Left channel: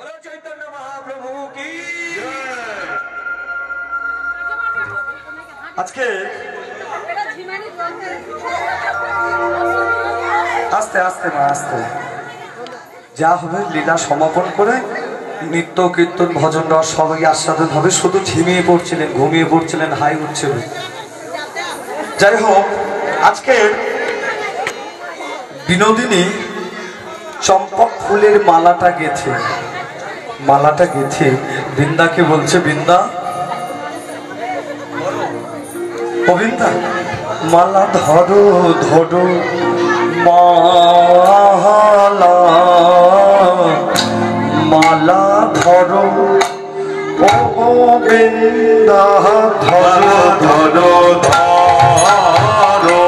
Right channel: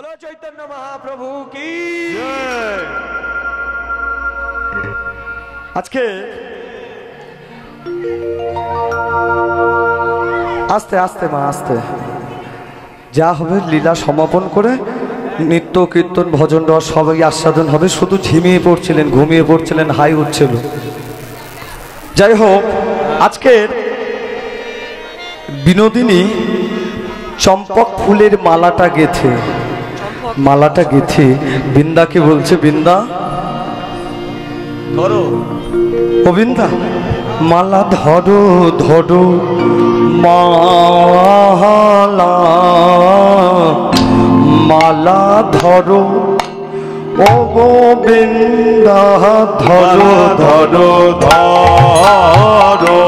बोलो चैतन्य महाप्रभु की আজকে আস্তে আস্তে মা আস্তে যা হবে লীলা সমাপন করে নিত্য কীর্তন ভজন রস সবাই আস্বাদন হবে। শুধু ঝিমিয়ে পড়ছিলেন, ঘুমিয়ে পড়ছিলেন, হাই উঠছে। যাই হোক, আজকে বিনোদিনী চম্পক ফুলের মালাটা গেথে বৃন্দাকে বলছে, বৃন্দা ও বৃন্দা মালা ধরো ধরো মালা মালা ধরো ও বৃন্দা ধরো ধরো ধরো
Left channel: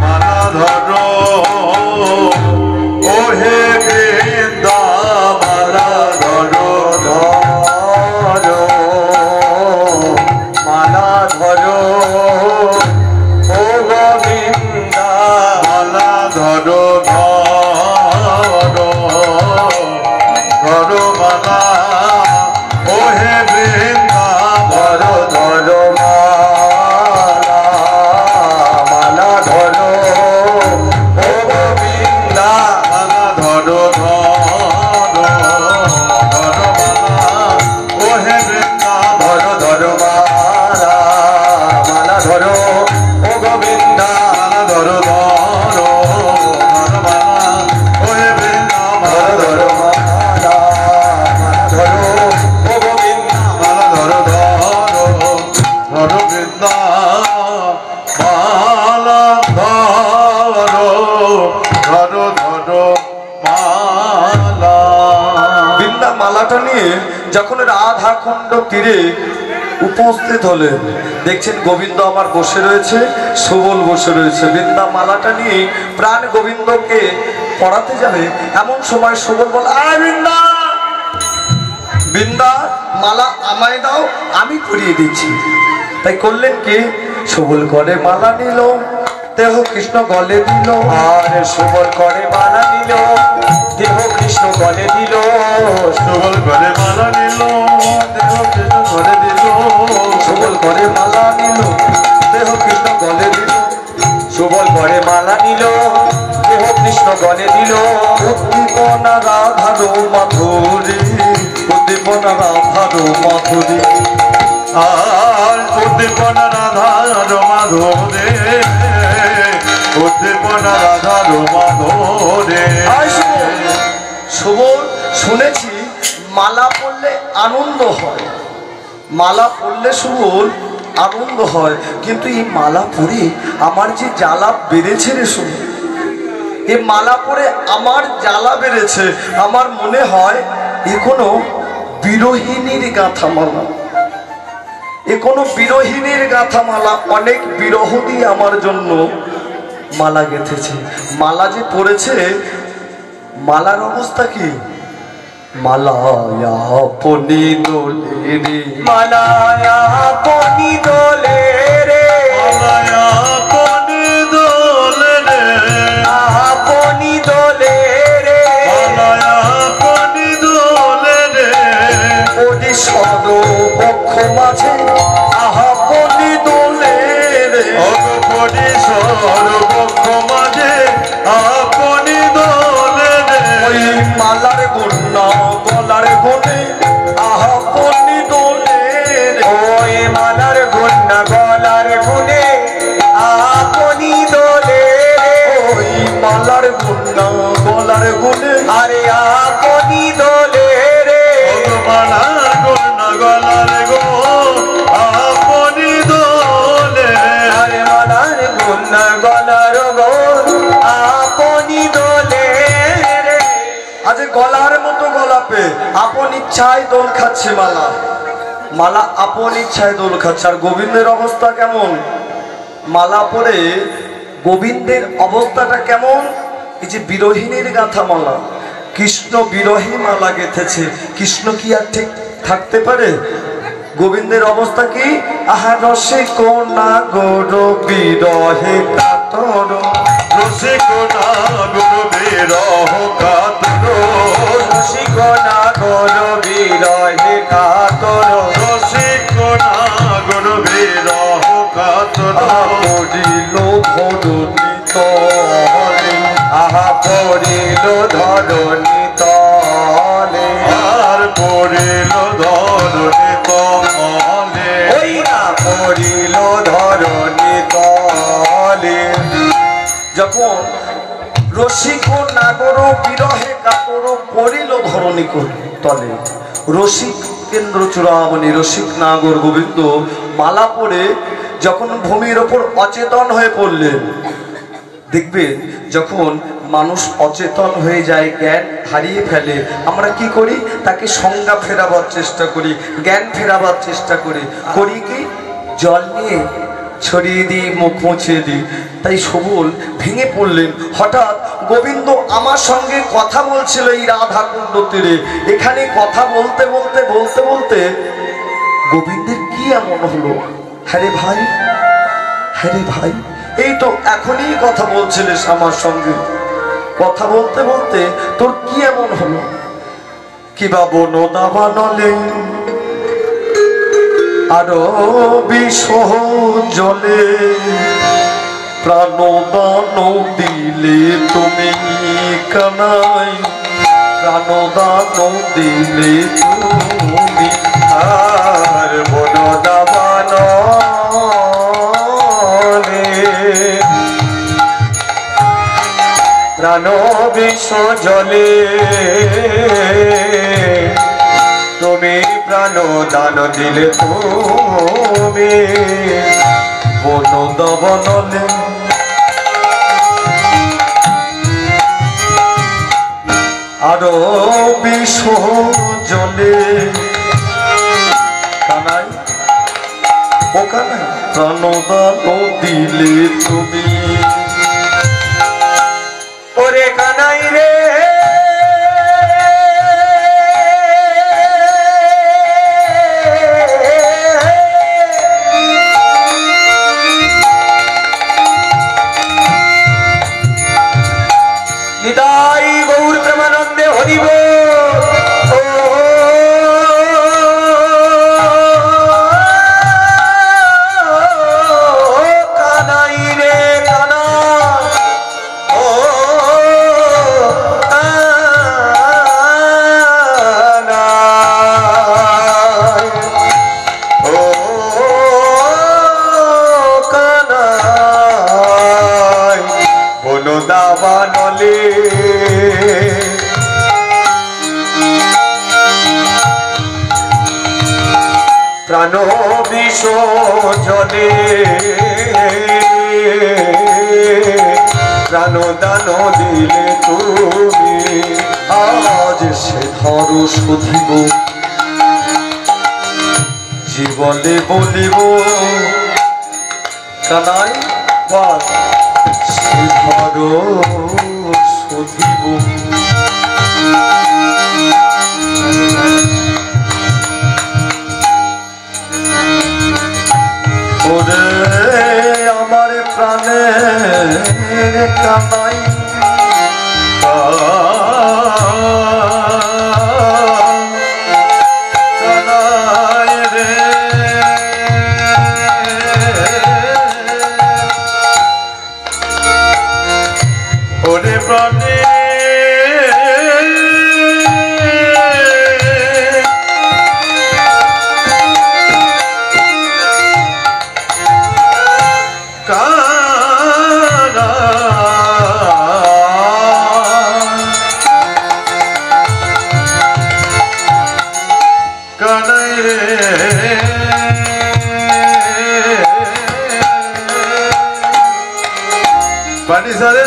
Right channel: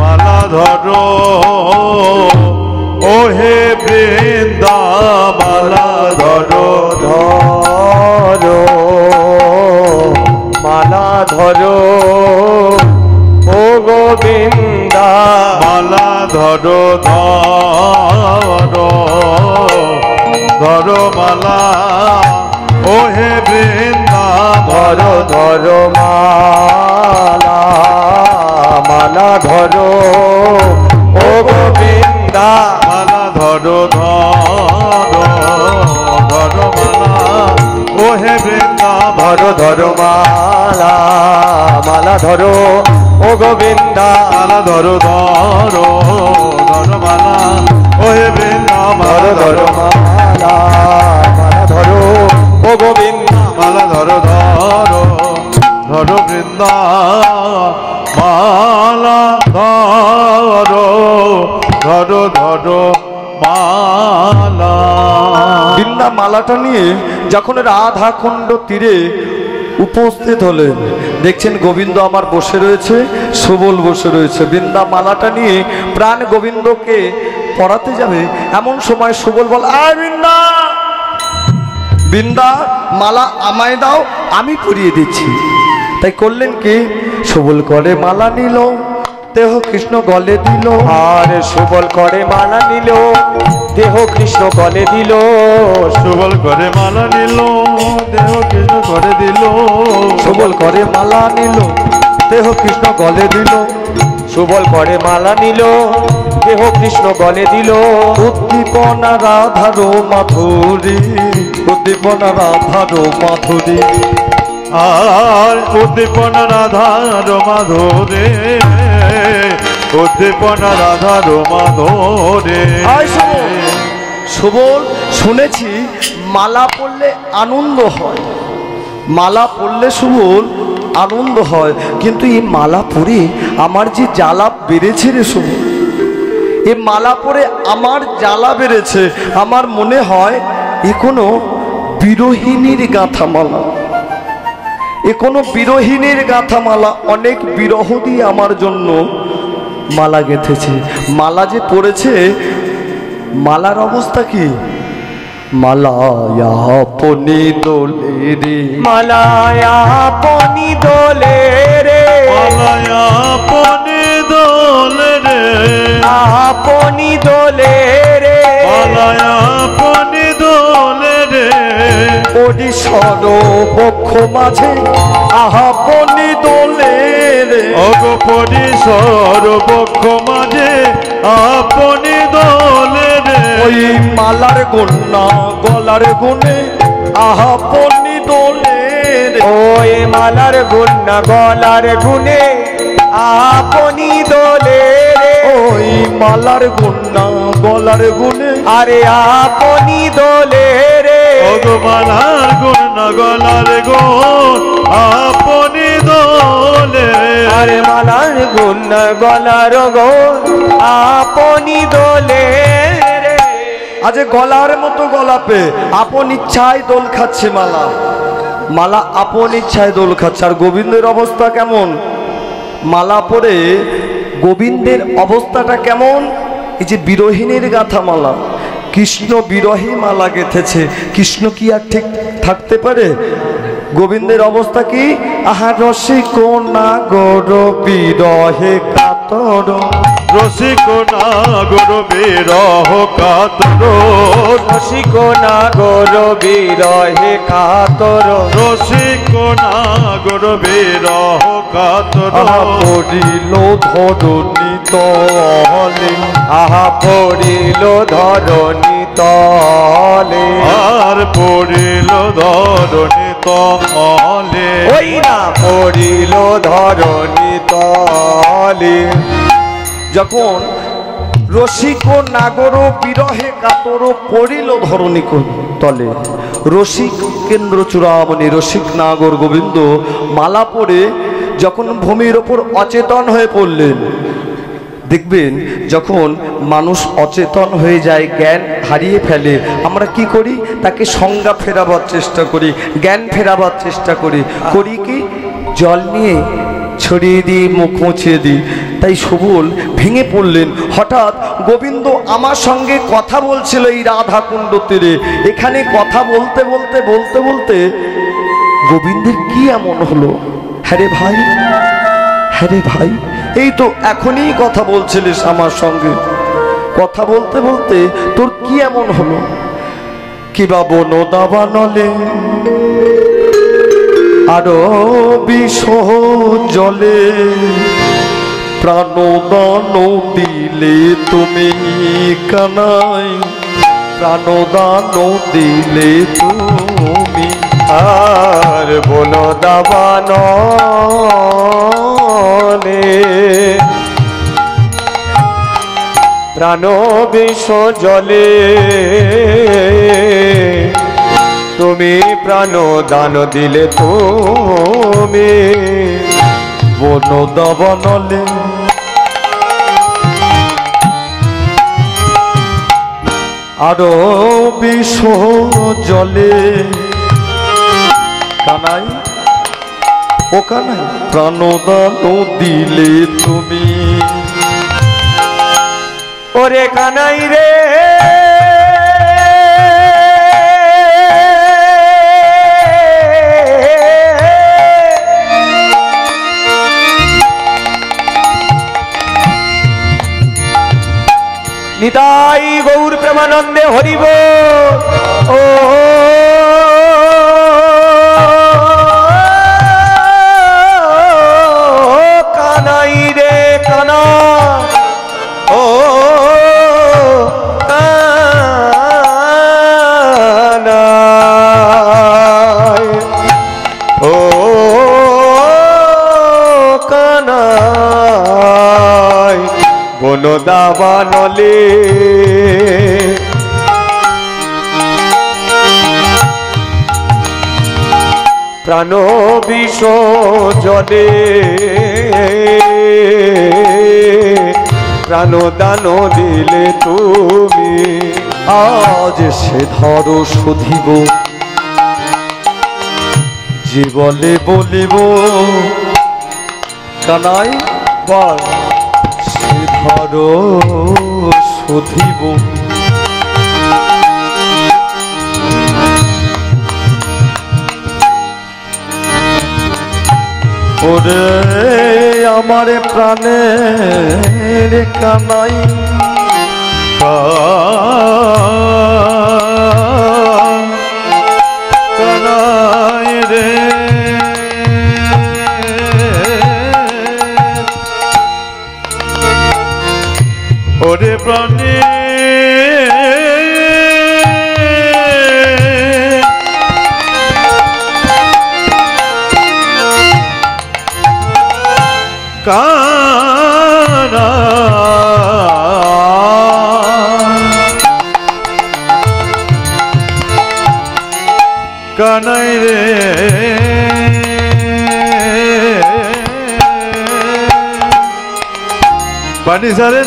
মালা ধরো ও হে বৃন্দা মালা ধরো ধরো মালা ধরো ও গোবিন্দা মালা ধরো ধরো ধরো মালা ও হে বৃন্দা ধরো ধরো মালা মালা ধরো ও গোবিন্দা মালা ধরো ধরো ধরো মালা ও হে বৃন্দা ধরো ধরো মালা মালা ধরো ও গোবিন্দা মালা ধরো ধরো ধরো মালা ও হে বৃন্দা মালা ধরো মালা মালা ধরো ও গোবিন্দা মালা ধরো ধরো ধরো বৃন্দা মালা ধরো ধরো ধরো মালা। বৃন্দা মালাটা নিয়ে যখন রাধাকুণ্ড তীরে উপস্থিত হলে দেখছেন গোবিন্দ আমার বসে রয়েছে, সুবল বসে রয়েছে। বৃন্দা মালাটা নিয়ে প্রাণ গোবিন্দকে পড়াতে যাবে, এমন সময় সুবল বল, আয় বৃন্দা বৃন্দা মালা আমায় দাও, আমি পরিয়ে দিচ্ছি। তাই করলেন কি, সুবল করে মালা নিল, দেহ কৃষ্ণ গলে দিল। আর সুবল করে মালা নিল, দেহ কৃষ্ণ গলে দিল। সুবল করে মালা নিল, দেহ কৃষ্ণ গলে দিল। সুবল করে মালা নিল, দেহ কৃষ্ণ গলে দিল। সুবল করে মালা নিল, দেহ কৃষ্ণ গলে দিল। উদ্দীপনা রাধারো মাধুরী, উদ্দীপনা রাধারো মাধুরী। আর উদ্দীপনা রাধারো মাধুরী, উদ্দীপনা রাধারো মাধুরী। সুবল শুনেছি মালা পড়লে আনন্দ হয়, মালা পড়লে সুবল আনন্দ হয়, কিন্তু এই মালা পরে আমার যে জ্বালা বেড়েছে রে সুবল, এ মালা পরে আমার জ্বালা বেড়েছে। আমার মনে হয় এ কোনো বিরোহিনীর গাঁথা মালা, এ কোনো বিরোহিনীর গাঁথা মালা। অনেক বিরহ দিয়ে আমার জন্য মালা গেঁথেছে। মালা যে পড়েছে, মালার অবস্থা কি, মালায়া পনি দোলে রে, মালায়া পনি দোলে রে, মালায়া পনি দোলে রে, আপনি দোলে রে, মালায়া পনি দোলে রে। ওডি সর্বপক্ষ মাঝে আপনি দোলে রে, ওগোপরি সর্বপক্ষ মাঝে আপনি দোলে রে। ওই মালার গুণা গলার গুণে আপনি দোলে রে, ওই মালার গুণা গলার গুণে আপনি দোলে রে। ওই মালার গুণা গলার গুণে আরে আপনি দোলে রে, ওগো মালার গুণা গলার গুণ আপনি দোলে। আরে মালার গুণা গলার গুণ আপনি দোলে রে। আজ গলার মতো গলাপে আপন ইচ্ছায় দোল খাচ্ছে মালা, মালা আপন ইচ্ছায় দোল খাচ্ছে। আর গোবিন্দের অবস্থা কেমন, মালা পরে গোবিন্দের অবস্থাটা কেমন, এই যে বিরোহিনীর গাঁথা মালা, কৃষ্ণ বিরহী মালা গেঁথেছে। কৃষ্ণ কি আর ঠিক থাকতে পারে? গোবিন্দের অবস্থা কি, আহা রসিক না গৌর বিরহে কাতর, রসিক না গৌর বিরহ কাতর। ধরণী তলে, আহা পড়িল ধরণী তলে, আর পড়িল ধরণী তলে, ওই না পড়িল ধরণী তলে। যখন রসিক নাগর বিরহে কাতর পড়িল ধরণী তলে, রসিক কেন্দ্র চূড়ামণি রসিক নাগর গোবিন্দ মালা পরে যখন ভূমির ওপর অচেতন হয়ে পড়লেন। দেখবেন যখন মানুষ অচেতন হয়ে যায়, জ্ঞান হারিয়ে ফেলে, আমরা কি করি? তাকে সংজ্ঞা ফেরাবার চেষ্টা করি, জ্ঞান ফেরাবার চেষ্টা করি। করি কি? জল নিয়ে ছড়িয়ে দিই, মুখ মুছিয়ে দিই। তাই সবল ভেঙে পড়লেন। হঠাৎ গোবিন্দ আমার সঙ্গে কথা বলছিল এই রাধা কুণ্ড তীরে। এখানে কথা বলতে বলতে বলতে বলতে গোবিন্দের কি এমন হলো? হ্যাঁ রে ভাই, হ্যাঁ রে ভাই, এই তো এখনই কথা বলছিলিস আমার সঙ্গে, কথা বলতে বলতে তোর কি এমন হলো? কি বা বনো দাবানলে আরো বিষ জলে, প্রাণদান দিলে তুমি কানাই, প্রাণদান দিলে তুমি, আর বনো দাবানলে প্রাণ বিষ জলে, তুমি প্রাণ দান দিলে তুমি, বন দাবানলে আরো বিষ জলে, কানাই ও কানাই প্রাণদান দিলে তুমি, ওরে কানাই রে নিতাই গৌর প্রেমানন্দে হরিব। ও কানাই রে কানা, ও কানাই, ও কানাই বনো দাবানলে প্রাণ বিষ জলে, প্রাণ দান দিলে তুমি, আজ সে ধরো সধিব জীবনে বলিব, কানাই বল সে ধরো সধিব, ওরে আমার প্রাণের কানাই, কানাই রে ওরে প্রাণে কানাই রে পানি সারে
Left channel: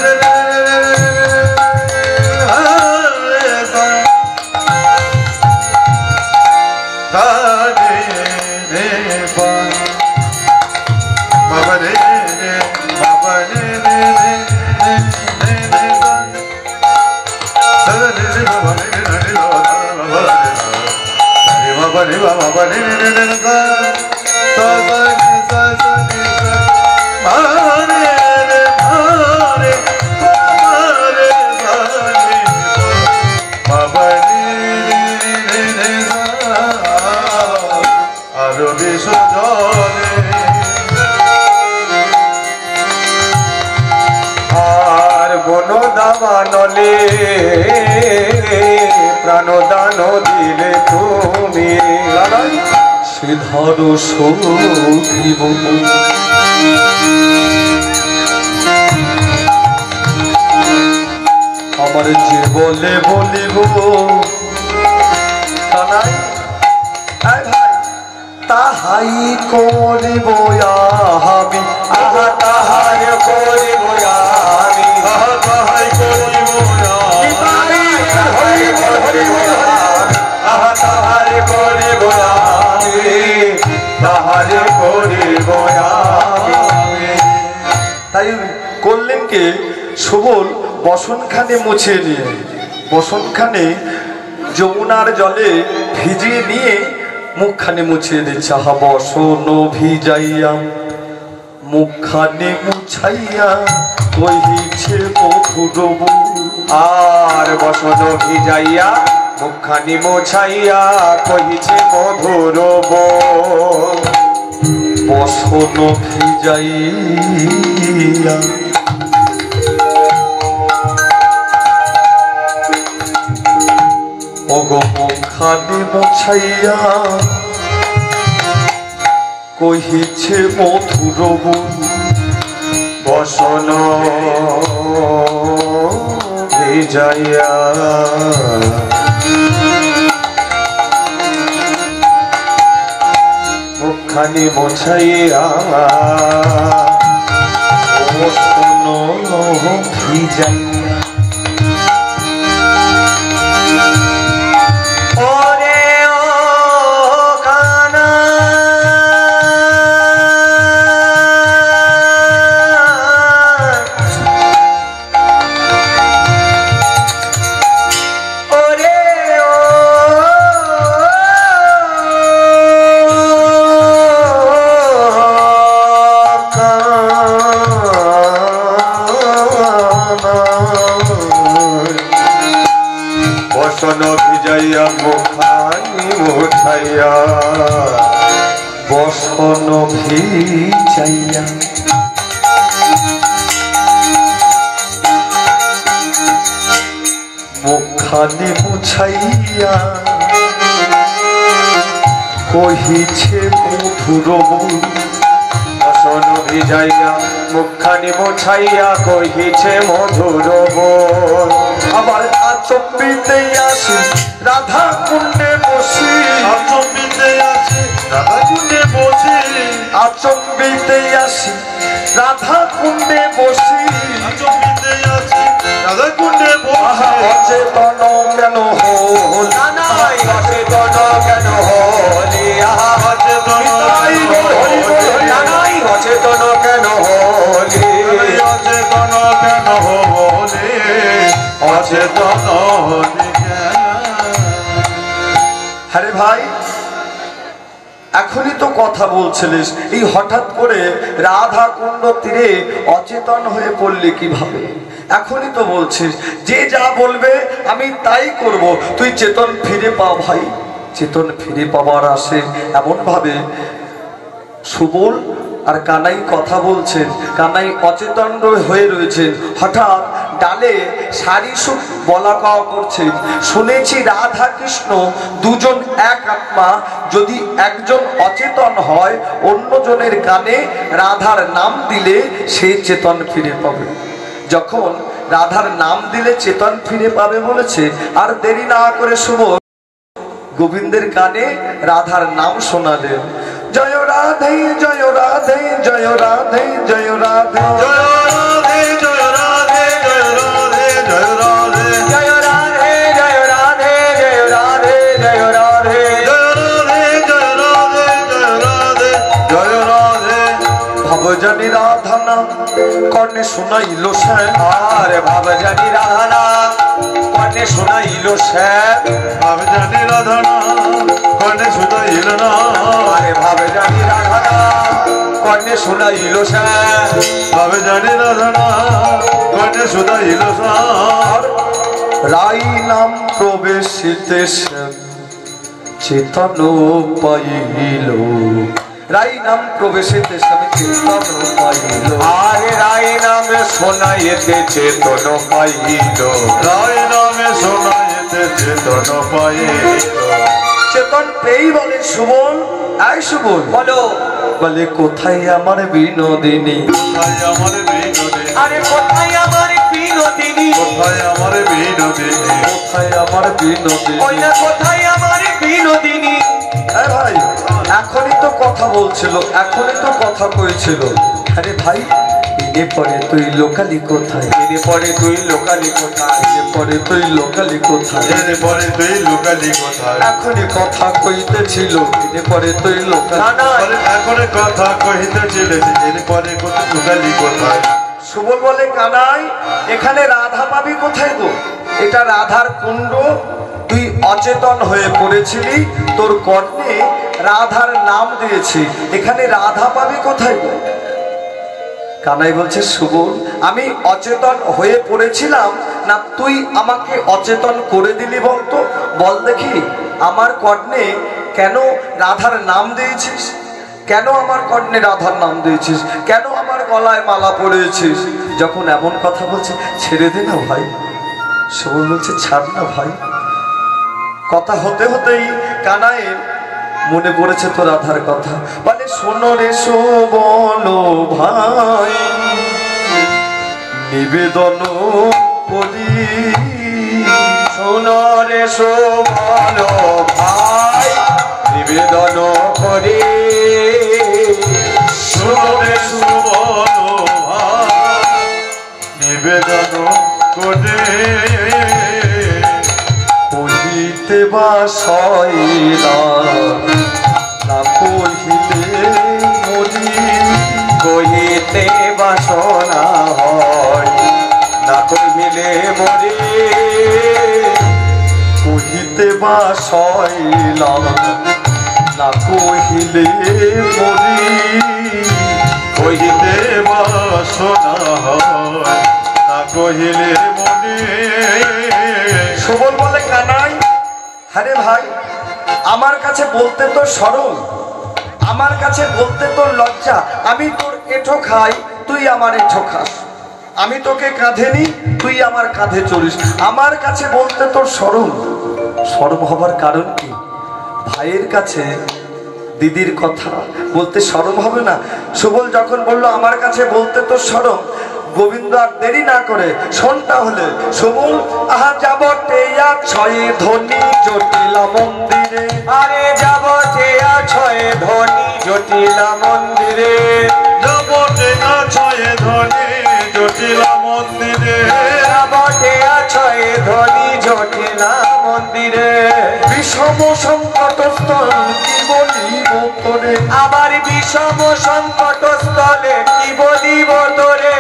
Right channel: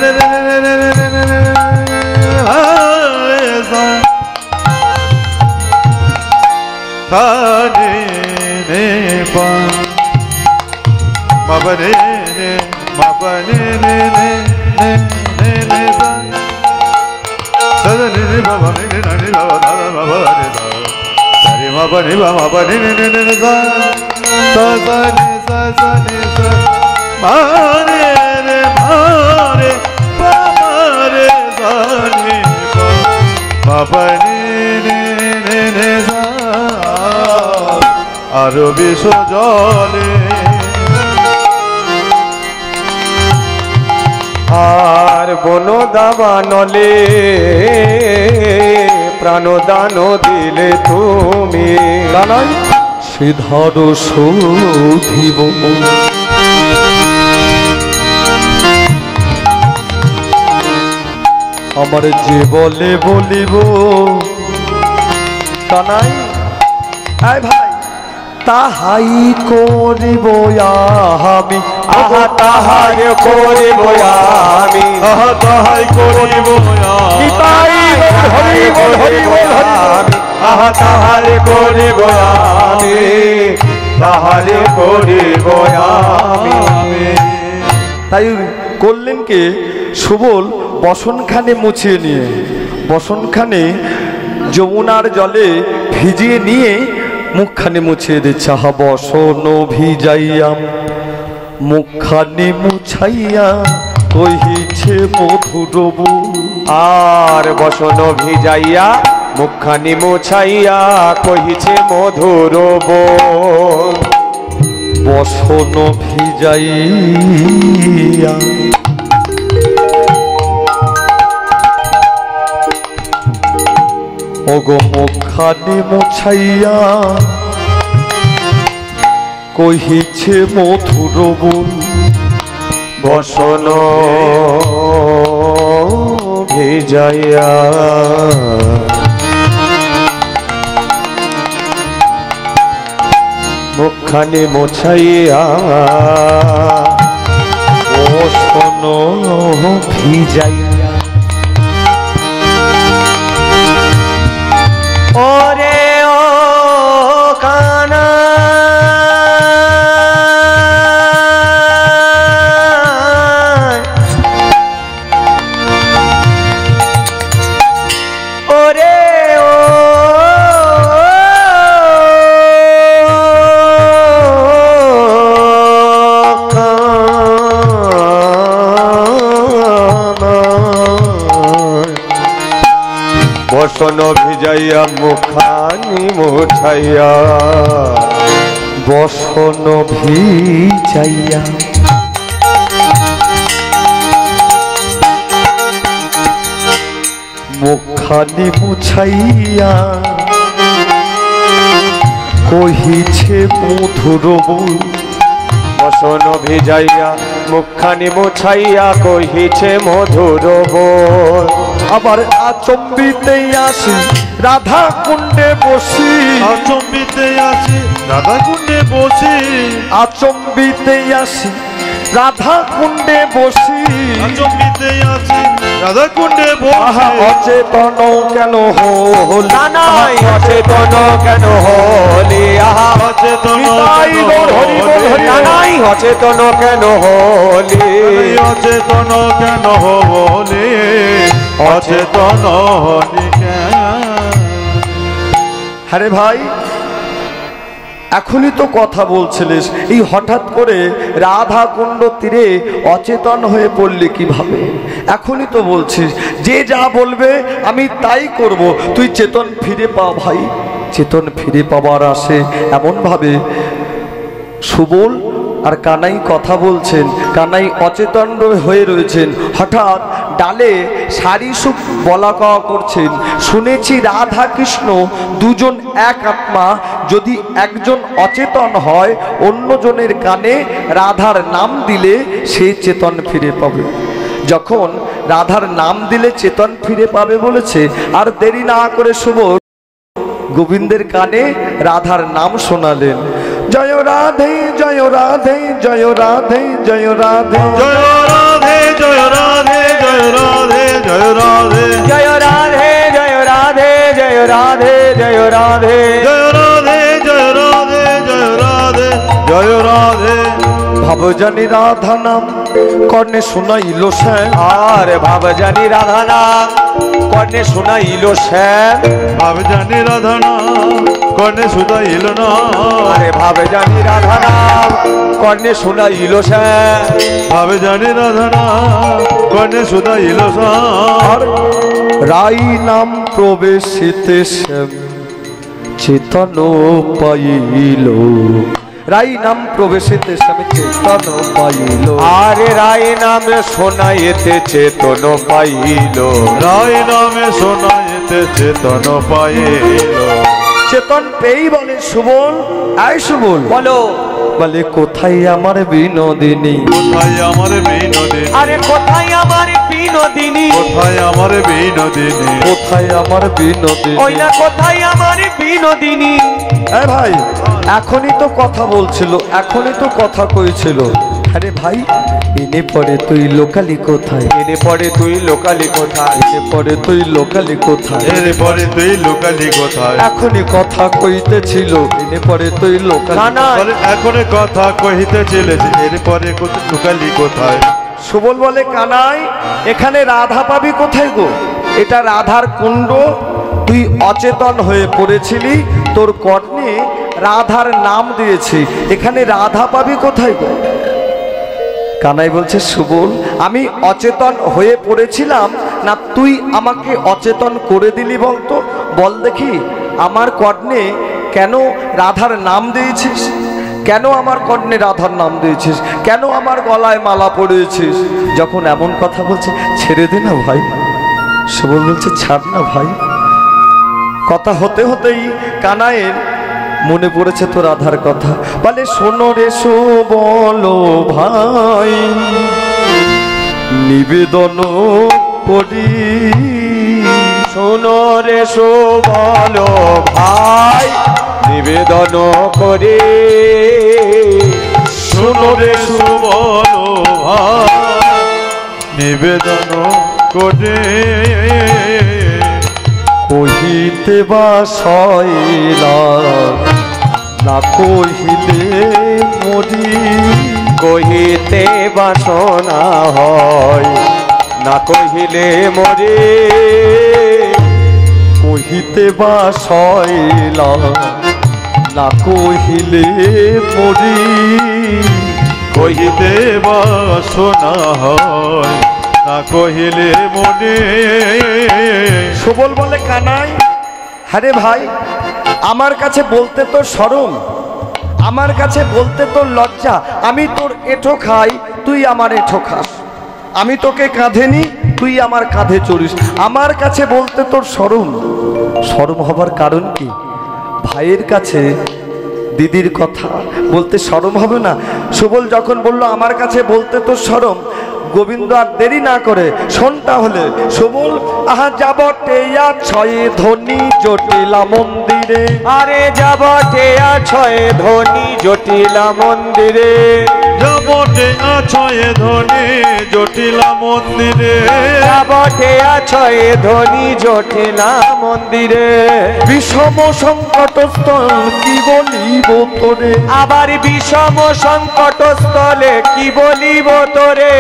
আরো বিষ জলে দাবানলে প্রাণদান দিলে তুমি কানাই শ্রীধর সৌধিব আমার জীবনে বলিব কানাই আয় ভাই তাহাই করিব আমি আহা তাহাই করিব আমি আহা তাহাই করিব নিতাই হরিব হরিব আমি আহা তাহাই করিব আমি তাহাই করিব আমি তাই করলেন কে সুবল বসনখানে মুছিয়ে নিয়ে বসনখানে যমুনার জলে ভিজিয়ে নিয়ে মুখখানে মুছিয়ে দিচ্ছে আহা বসন ভিজাইয়া মুখখানে মুছাইয়া কহিছে মধুর আর বসন ভিজাইয়া মুখখানি মোছাইয়া কহিছে মধুর বসন ভিজাইয়া ওগো মুখখানে মুছাইয়া কহিছে মধুর বসন ভিজাইয়া মুখখানি মোছাইয়া বসন ভিজাইয়া ওরে ও কানা ওরে ও বসন ভিজাইয়া মুখানি মুছাইয়া বসন ভিজাইয়া মুখখানে মুছাইয়া কহিছে মধুর বসন ভিজাইয়া মুখানি মুছাইয়া কহিছে মধুর আবার আচম্বিতে আসি রাধা কুণ্ডে বসি আচম্বিতে আছে রাধা কুণ্ডে বসে আচম্বিতে আসি রাধা কুণ্ডে বসি আচম্বিতে আছে রাধা কুণ্ডে আহা বসে অচেতন কেন হল নানাই অচেতন কেন হলি আহা অচেতন নিতাই নানাই অচেতন কেন হলি অচেতন কেন বলে অচেতন হলি কেন আরে ভাই এখনই তো কথা বলছিলিস এই হঠাৎ করে রাধা কুণ্ড তীরে অচেতন হয়ে পড়লি কিভাবে এখনই তো বলছিস যে যা বলবে আমি তাই করব তুই চেতন ফিরে পা ভাই চেতন ফিরে পাবার আসে এমন ভাবে সুবল আর কানাই কথা বলছেন কানাই অচেতন হয়ে রয়েছেন হঠাৎ ডালে সারি সুখ বলা কওয়া করছেন শুনেছি রাধা কৃষ্ণ দুজন এক আত্মা যদি একজন অচেতন হয় অন্যজনের কানে রাধার নাম দিলে সে চেতন ফিরে পাবে যখন রাধার নাম দিলে চেতন ফিরে পাবে বলেছে আর দেরি না করে শুভ গোবিন্দের কানে রাধার নাম শোনালেন জয় রাধে জয় রাধে জয় রাধে জয় রাধে জয় রাধে জয় রাধে জয় রাধে জয় রাধে জয় রাধে জয় রাধে জয় রাধে জয় রাধে জয় রাধে জয় রাধে জয় রাধে জয় রাধে ভবজানি রাধা নাম কর্ণে শোনাইল শ্যাম আর ভাবজানি রাধানাথ কর্ণে শোনাইল শ্যাম ভাবজানি রাধানা কর্ণে সুদাইল না আরে ভাবজানি রাধানাথ কর্ণে শোনাইল শ্যাম ভাবজানি রাধানা কর্ণে সুদাইল সার রাই নাম প্রবেশিতে শ্যাম চেতন পাইল রাই নাম প্রবেশিতে শ্যাম চেতন পাইল। আরে রায় নামে শোনাইতে চেতন পাইল। রায় নামে শোনাইতে চেতন পাইল। চেতন পেই বলে সুবল, আয় সুবল বলো বলে কোথায় আমার বিনোদিনী? কোথায় আমার বিনোদিনী? আরে কোথায় আমার বিনোদিনী? কোথায় আমার বিনোদিনী? কোথায় আমার বিনোদিনী? ওই না কোথায় আমার বিনোদিনী? হ্যাঁ ভাই, এখনই তো কথা বলছিল, এখনই তো কথা কইছিল। আরে ভাই, এনে পরে তুই লোকালি কোথায়? এনে পরে তুই লোকালি কোথায়? এনে পরে তুই লোকালি কোথায়? এরপরে তুই লোকালি কোথায়? এখনই কথা কইতেছিল, এনে পরে তুই লোকালি। না না, বলে এখন কথা কহিতেছিলে, এরপরে লোকালি কোথায়? সুবল বলে কানাই, এখানে রাধা পাবি কোথায় গো? এটা রাধার কুণ্ড, তুই অচেতন হয়ে পড়েছিলি, তোর কর্ণে রাধার নাম দিয়েছি, এখানে রাধা পাবি কোথায় গো? কানাই বলছে সুবল, আমি অচেতন হয়ে পড়েছিলাম না তুই আমাকে অচেতন করে দিলি বলতো? বল দেখি, আমার কর্ণে কেন রাধার নাম দিয়েছিস? কেন আমার কর্ণে রাধার নাম দিয়েছিস? কেন আমার গলায় মালা পড়েছিস? যখন এমন কথা বলছে, ছেড়ে দে না ভাই। সুবল বলছে ছাড় না ভাই। কথা হতে হতেই কানাইয়ের মনে পড়েছে তো রাধার কথা। বলে শোনো রে সুবল ভাই, নিবেদন করি। শোনো রে সুবল ভাই, নিবেদন করে। শোনো রে সুবল ভাই, নিবেদন করে। কহিতে বা সইলা না কহিলে মরি। কহিতে বাসনা হয় না কহিলে মরে। কহিতে বা সইলা না কহিলে মরি। কহিতে বাসনা হয় না কহিলে মনে। সুবল বলে কানাই, আরে ভাই, আমার কাছে বলতে তোর শরম, আমার কাছে বলতে তোর লজ্জা। আমি তোর এঁঠো খাই, তুই আমার এঁঠো খাস। আমি তোকে কাঁধে নি, তুই আমার কাঁধে চলিস। আমার কাছে বলতে তোর শরম। শরম হবার কারণ কি? ভাইয়ের কাছে দিদির কথা বলতে শরম হবে না? সুবল যখন বলল আমার কাছে বলতে তোর শরম, গোবিন্দ আর দেরি না করে শোন তাহলে। সুবল, আহা যাব টেয়া ছয় ধনী জটিলা মন্দিরে। আরে যাব ঠেয়া ছয় ধনী জটিলা মন্দিরে। যাবতে আছয় ধনে জটিলা মন্দিরে। যাব ঠেয়া ছয় ধনী জটিলা মন্দিরে। বিষম সংকট স্থল কি বলিব তোরে। আবার বিষম সংকট স্থলে কি বলিব তোরে।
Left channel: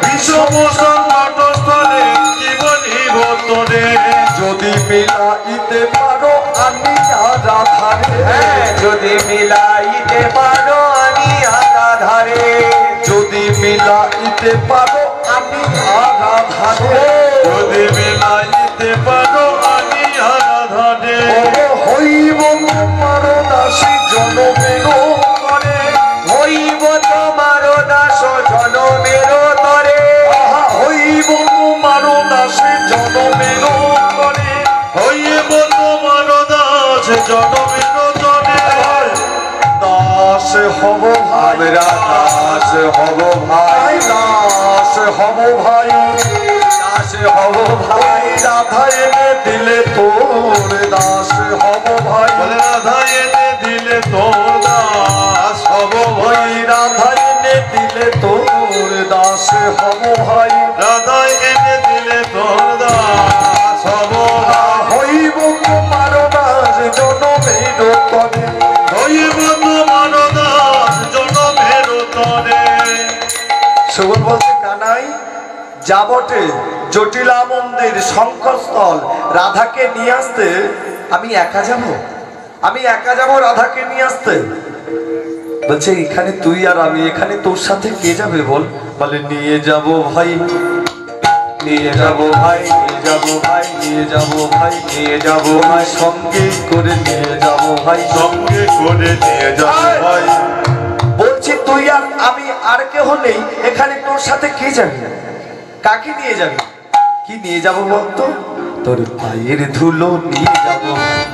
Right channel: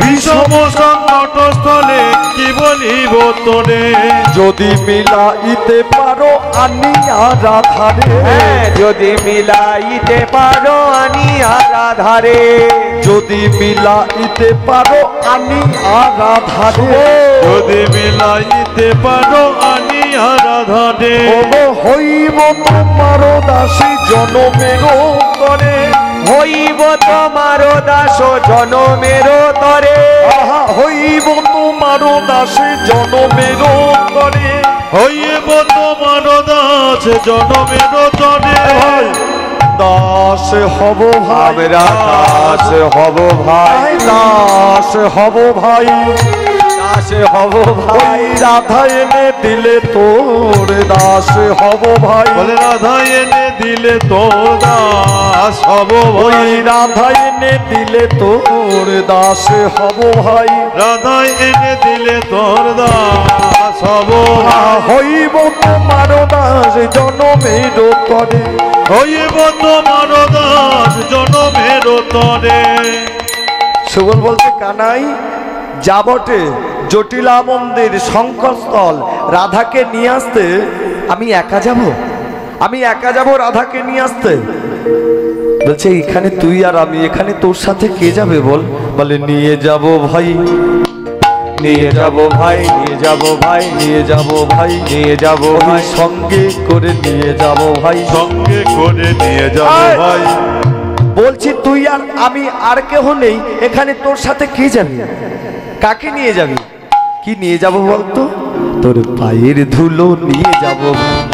বিষম সংকট স্থলে কি বলিব তোরে। যদি মিলাইতে পারো আনিয়া রাধারে। যদি মিলাইতে পারো আনিয়া রাধারে। যদি মিলাইতে পারো আনিয়া রাধারে। যদি মিলাইতে পারো আনি আরাধনে। ও হইব তোমার দাসী জনমের করে। হইব তোমার দাস জনমের তরে। আহা হইব তোমার দাসী জনমের করে। হইব তোমার দাস জনমের তরে। দাস হব ভাই, দাস হব ভাই, দাস হব ভাই, দাস হব ভাই। ভাই রাধা এনে দিলে তোর দাস হব ভাই। বলে রাধা এনে দিলে তোর দাস হব ওই ভাই। রাধা এনে দিলে তোর দাস হব ভাই। রাধা এনে দিলে তোর দাস হব ভাই। হইব তোমার দাস জনমের তরে। হইব তোমার দাস জনমের তরে। সুবল বলছে কানাই, যাবটে জটিলা মন্দির শঙ্করস্থল রাধাকে নিয়ে আসতে। আমি একা যাব? আমি একা যাব রাধাকে নিয়ে আসতে? বলছে এখানে তুই আর আমি, এখানে তোর সাথে কে যাবে বল? বলে নিয়ে যাব ভাই, নিয়ে যাব ভাই, নিয়ে যাব ভাই, নিয়ে যাব ভাই, নিয়ে যাব ওই ভাই। সঙ্গে করে নিয়ে যাব ভাই। সঙ্গে করে নিয়ে যাবো ভাই। বলছি তুই আর আমি আর কেহ নেই এখানে, তোর সাথে কে যাবে? কাকে নিয়ে যাবি? কি নিয়ে যাব বলতো? তোর পায়ের ধুলো নিয়ে যাব।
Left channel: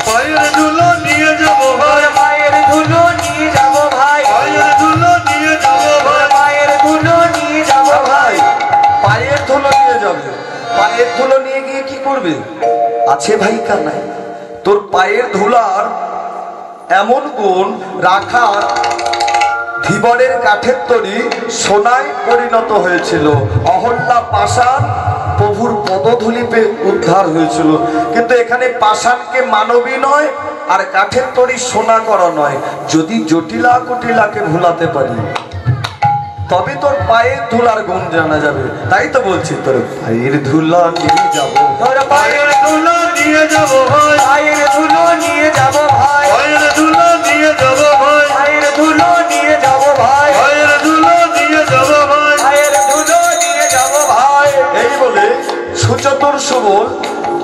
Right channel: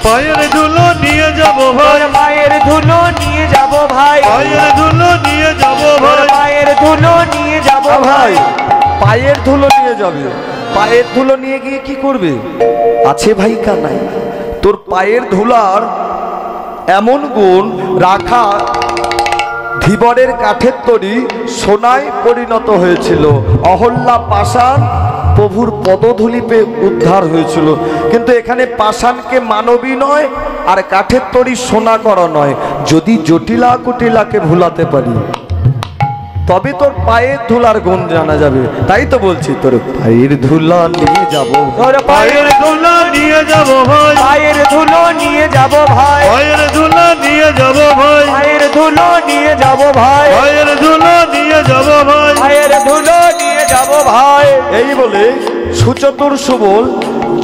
পায়ের ধুলো নিয়ে যাব ভাই, পায়ের ধুলো নিয়ে যাব ভাই, পায়ের ধুলো নিয়ে যাব ভাই, পায়ের ধুলো নিয়ে যাব ভাই ভাই। পায়ের ধুলো নিয়ে যাবে। পায়ের ধুলো নিয়ে গিয়ে কি করবে? আছে ভাই কানাই, তোর পায়ের ধুলার এমন গুণ রাখা ধীবরের কাঠের তৈরি সোনায় পরিণত হয়েছিল। অহল্যা পাষাণ প্রভুর পদধূলিতে উদ্ধার হয়েছিল, কিন্তু এখানে পাষাণকে মানবী নয় আর কাঠের তৈরি সোনা করা নয়। যদি জটিলা কুটিলাকে ভুলাতে পারি তবে তোর পায়ের ধুলার গুণ জানা যাবে। তাই তো বলছি তোর পায়ের ধুলা নিয়ে যাব। তোর পায়ের ধুলো নিয়ে যাব ভাই, পায়ের ধুলো নিয়ে যাব ভাই, পায়ের ধুলো নিয়ে যাব ভাই, পায়ের ধুলো নিয়ে যাব ভাই, পায়ের ধুলো নিয়ে যাব ভাই। পায়ের ধুলো নিয়ে যাব ভাই। এই বলে সুচতুর সুবল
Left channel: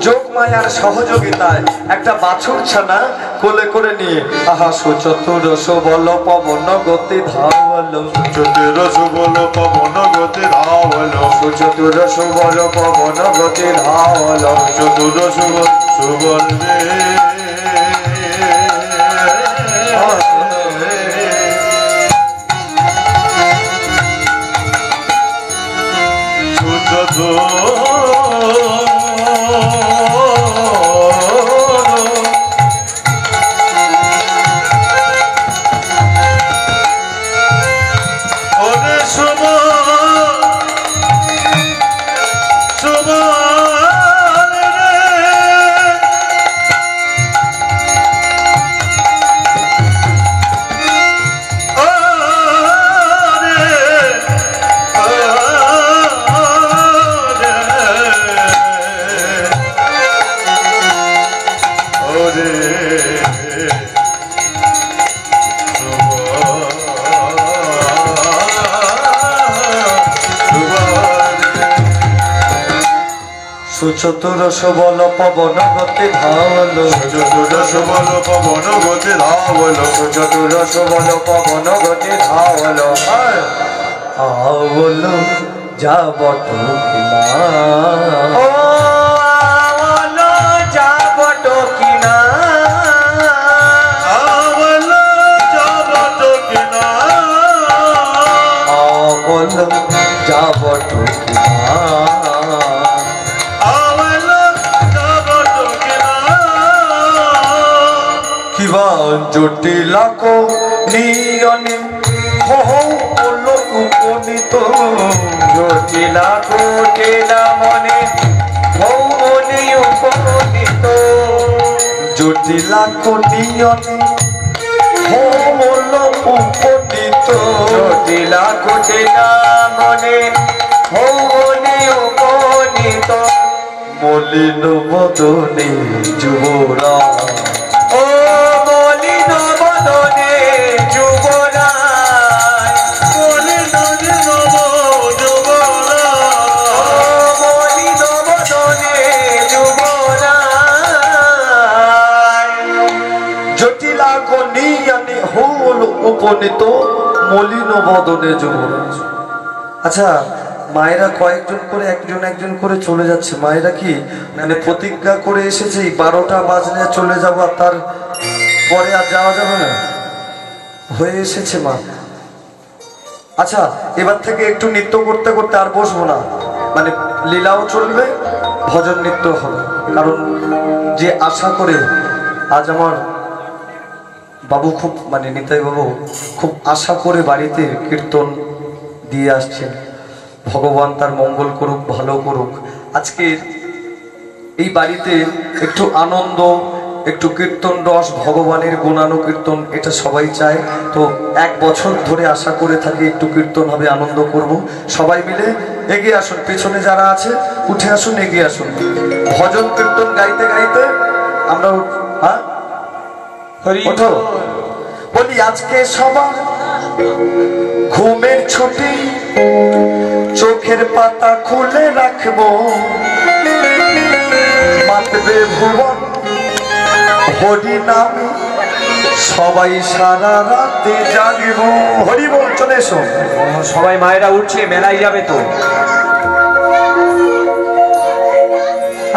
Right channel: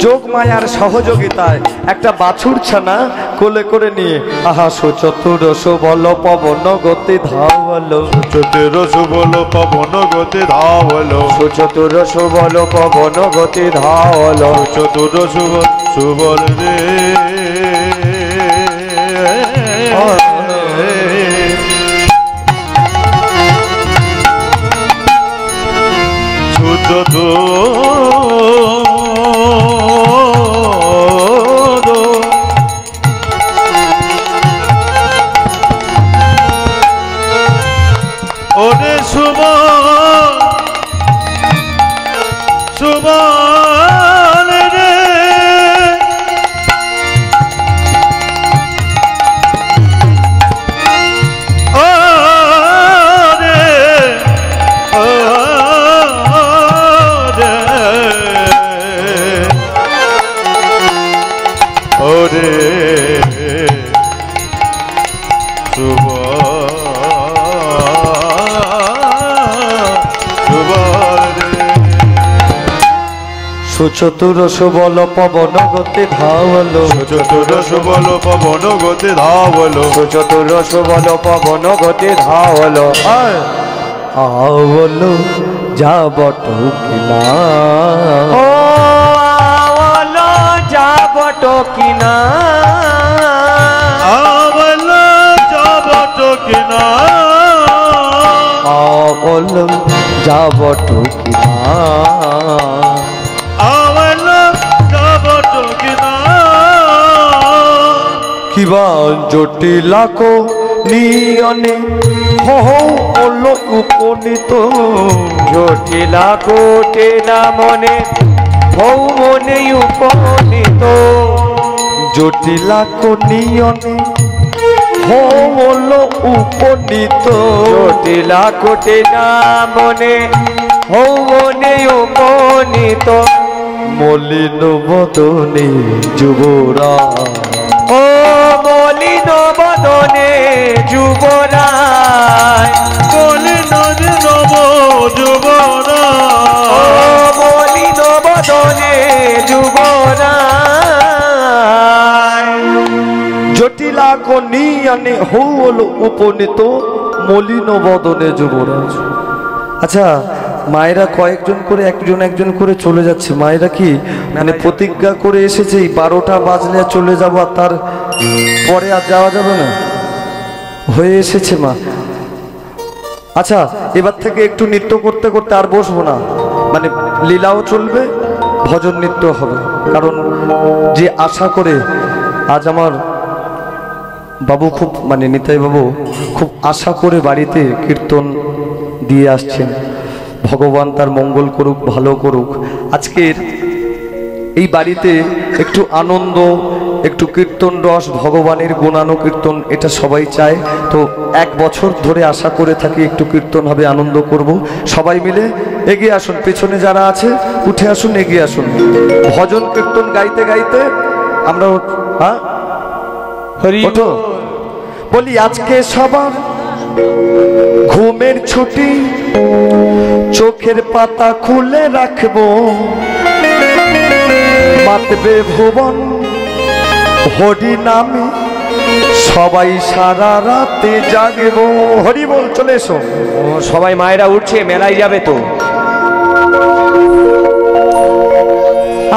যোগ মায়ার সহযোগিতায় একটা বাছুর ছানা কোলে করে নিয়ে আহা সুচতুর সুবল পবন গতি ধাওয়ালো। চতুর সুবল পবন গতি ধাওয়ালো, সুচতুর সুবল পবন গতি ধাওয়ালো। চতুর সুবল সুবল রে ওরে সুবল সুবল রে সুচতুর সুবল পবন গতি ধাওয়ালো। চতুর সুবল পবন গতি ধাওয়ালো, সুচতুর সুবল পবন গতি ধাওয়ালো। আওলো যাব টুকিনা। ও আওলো যাব টকিনা, আওলো যাব টকিনা, আওলো যাব টুকিনা। আওলো যাব টকিনা। কিবা জটিলা কো নিয়নে হল উপনীত। জটিলা কোটে না মনে ভৌমনে উপনীত। জটিলা কো নিয়নে হল উপনীত। জটিলা কোটে না মনে ভৌমনে উপনীত। মলিন বদনে যুবরা। ও মলিন বদনে যুবরাজ, মলিন নব যুবরা, ও মলিন বদনে যুবরাজ। জটিলা কো নিয়নে হল উপনীত, মলিন বদনে যুবরাজ। আচ্ছা, মায়েরা কয়েকজন করে একজন একজন করে চলে যাচ্ছে। মায়েরা কি মানে প্রতিজ্ঞা করে এসেছে 12টা বাজলে চলে যাব, আর তার পরে আর যাওয়া যাবে না? হয়ে এসেছে মা। আচ্ছা, এবার থেকে একটু নৃত্য করতে করতে আর বসবো না, মানে লীলাও চলবে, ভজন নৃত্য হবে। কারণ যে আশা করে আজ আমার বাবু খুব মানে নিতাই বাবু খুব আশা করে বাড়িতে কীর্তন দিয়ে আসছেন, ভগবান তার মঙ্গল করুক, ভালো করুক। আজকের এই বাড়িতে একটু আনন্দ, একটু কীর্তন রস, ভগবানের গুণানো কীর্তন, এটা সবাই চায়। তো 1 বছর ধরে আশা করে থাকি একটু কীর্তন হবে, আনন্দ করব। সবাই মিলে এগিয়ে আসুন, পেছনে যারা আছে উঠে আসুন, এগিয়ে আসুন। ভজন কীর্তন গাইতে গাইতে আমরা হ্যাঁ ওঠো। বলি আজকে সবার ঘুমের ছুটি, চোখের পাতা খুলে রাখবো, মাতবে ভুবন হরি নামে সবাই সারা রাতে জাগে গো। হরি বল, চলে এসো। সবাই মায়েরা উঠছে, মেলায় যাবে তো।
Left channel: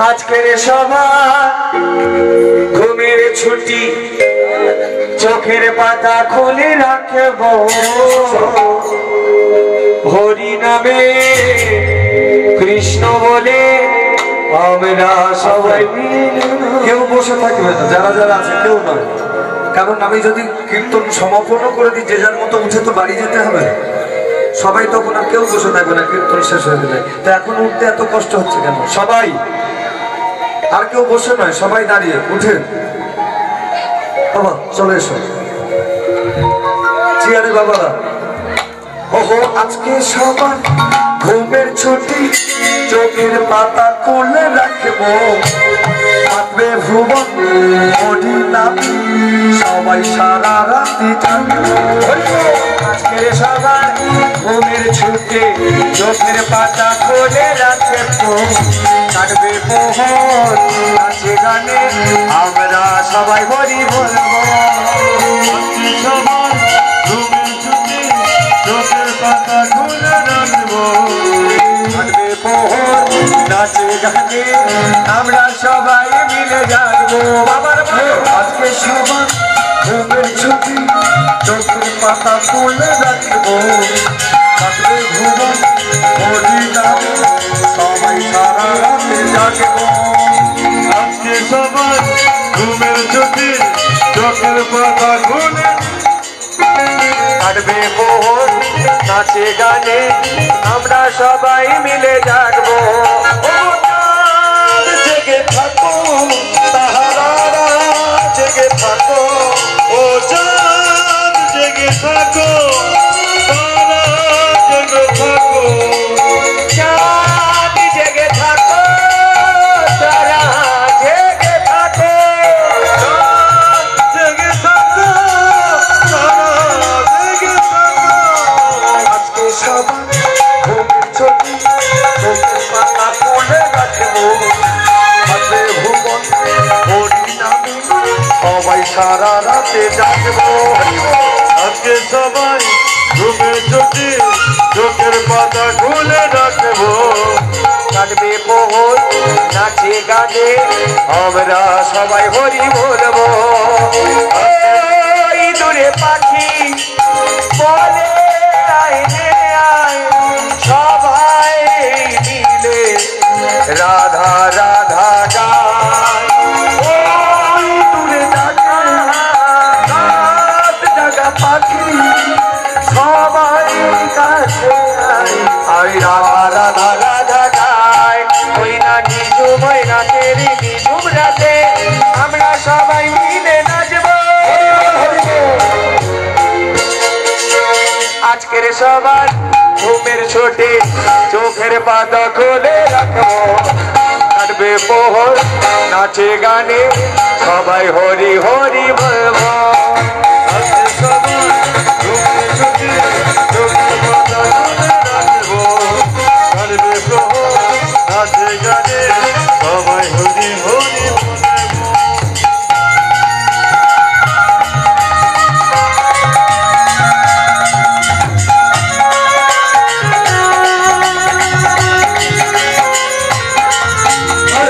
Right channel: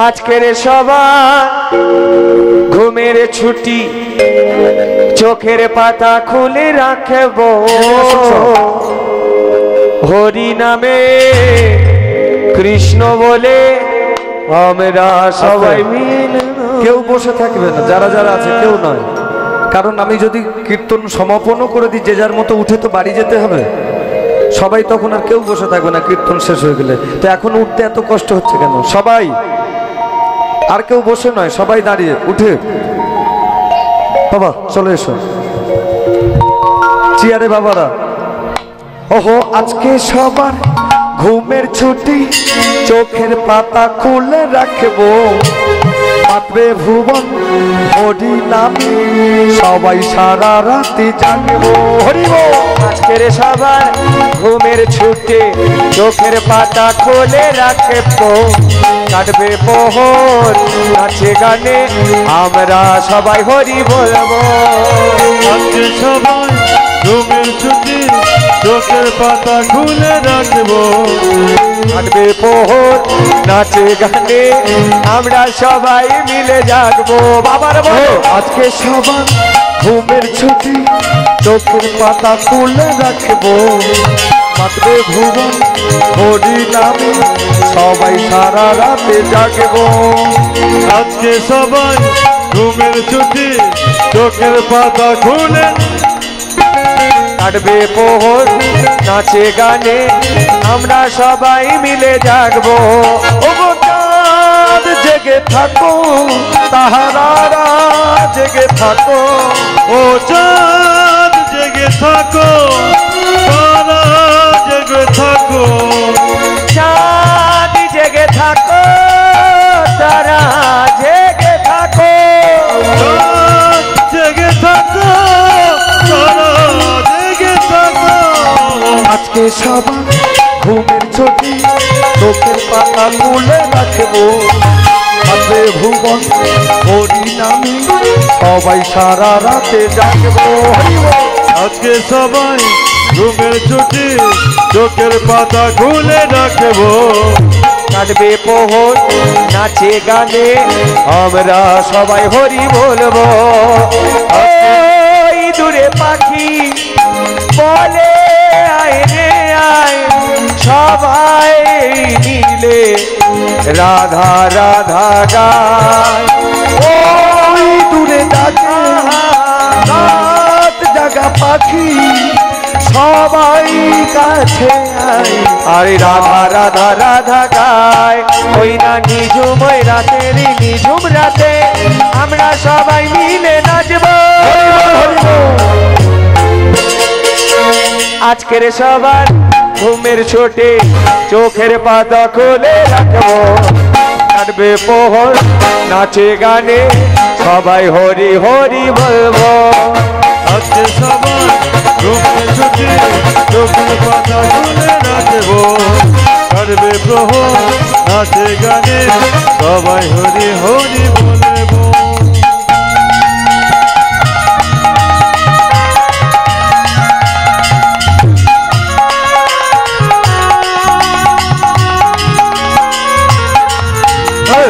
আজকের সবার ঘুমের ছুটি, চোখের পাতা খুলে রাখবো হরি নামে কৃষ্ণ বলে আমরা সবাই মিলে। কেউ বসে থাকবে না, যারা যারা আছে কেউ নয়, কারণ আমি যদি কীর্তন সমাপন করে দিই যে যার মতো উঠে তো বাড়ি যেতে হবে। সবাই তখন আর কেউ বসে থাকবে না কীর্তন শেষ হয়ে গেলে। তো এখন উঠতে এত কষ্ট হচ্ছে কেন? সবাই, আর কেউ বসে নয়, সবাই দাঁড়িয়ে উঠে বাবা চলে এসো চেয়ারে বাবারা। ওহো আজকে সবার ঘুমের ছুটি, চোখের পাতা খুলে রাখবো থাকবে ভুবন হরি নামে সবাই সারা রাতে জানবো। আজকের সবার ঘুমের ছুটি, চোখের পাতা খুলে রাখবো কাটবে প্রহর নাচে গানে আমরা সবাই হরি বলবো। আজকে সবাই ঘুমের ছুটি, চোখের পাতা খুলে রাখবো কাটবে প্রহর নাচে গানে আমরা সবাই মিলে জাগবো। বাবার বলো আজকে সবার ঘুমের ছুটি, চোখের পাতা খুলে রাখবো থাকবে ভুবন হরি নামে সবাই সারা রাতে জাগবো। আজকে সবাই ঘুমের ছুটি, চোখের পাতা খুলে কাটবে প্রহর নাচে গানে আমরা সবাই মিলে জাগবো। ও চাঁদ জেগে থাকো, তাহারা জেগে থাকো, ও চাঁদ জেগে থাকো, তারা জেগে থাকো, চাঁদ জেগে থাকো, তারা জেগে থাকো, চাঁদ জেগে থাকো, তারা জেগে থাকো। আজকে সবার ঘুমের ছুটি, চোখের পাতা খুলে রাখবো থাকবে ভুবন হরি নামে সবাই সারা রাতে জাগবো। আজকে সবাই ঘুমের ছুটি, চোখের পাতা খুলে রাখবো কাটবে প্রহর নাচে গানে আমরা সবাই হরি বলবো। ওই দূরে পাখি বলে আয় রে আয় সবাই মিলে রাধা রাধা গায়। ওই দূরে ডাকে রাত জাগা পাখি সবাই কাছে আয়, আরে রাধা রাধা রাধা গায়। ওই না নিজুম ওই রাতের নিজুম রাতে আমরা সবাই মিলে নাচবো। আজকের সবার ঘুমের ছুটি, চোখের পাতা খুলে রাখবো কাটবে প্রহর নাচে গানে সবাই হরি হরি বলবো। আজকে সবাই ঘুমের ছুটি, চোখের পাতা খুলে রাখবো কাটবে প্রহর নাচে গানে সবাই হরি হরি বলবো।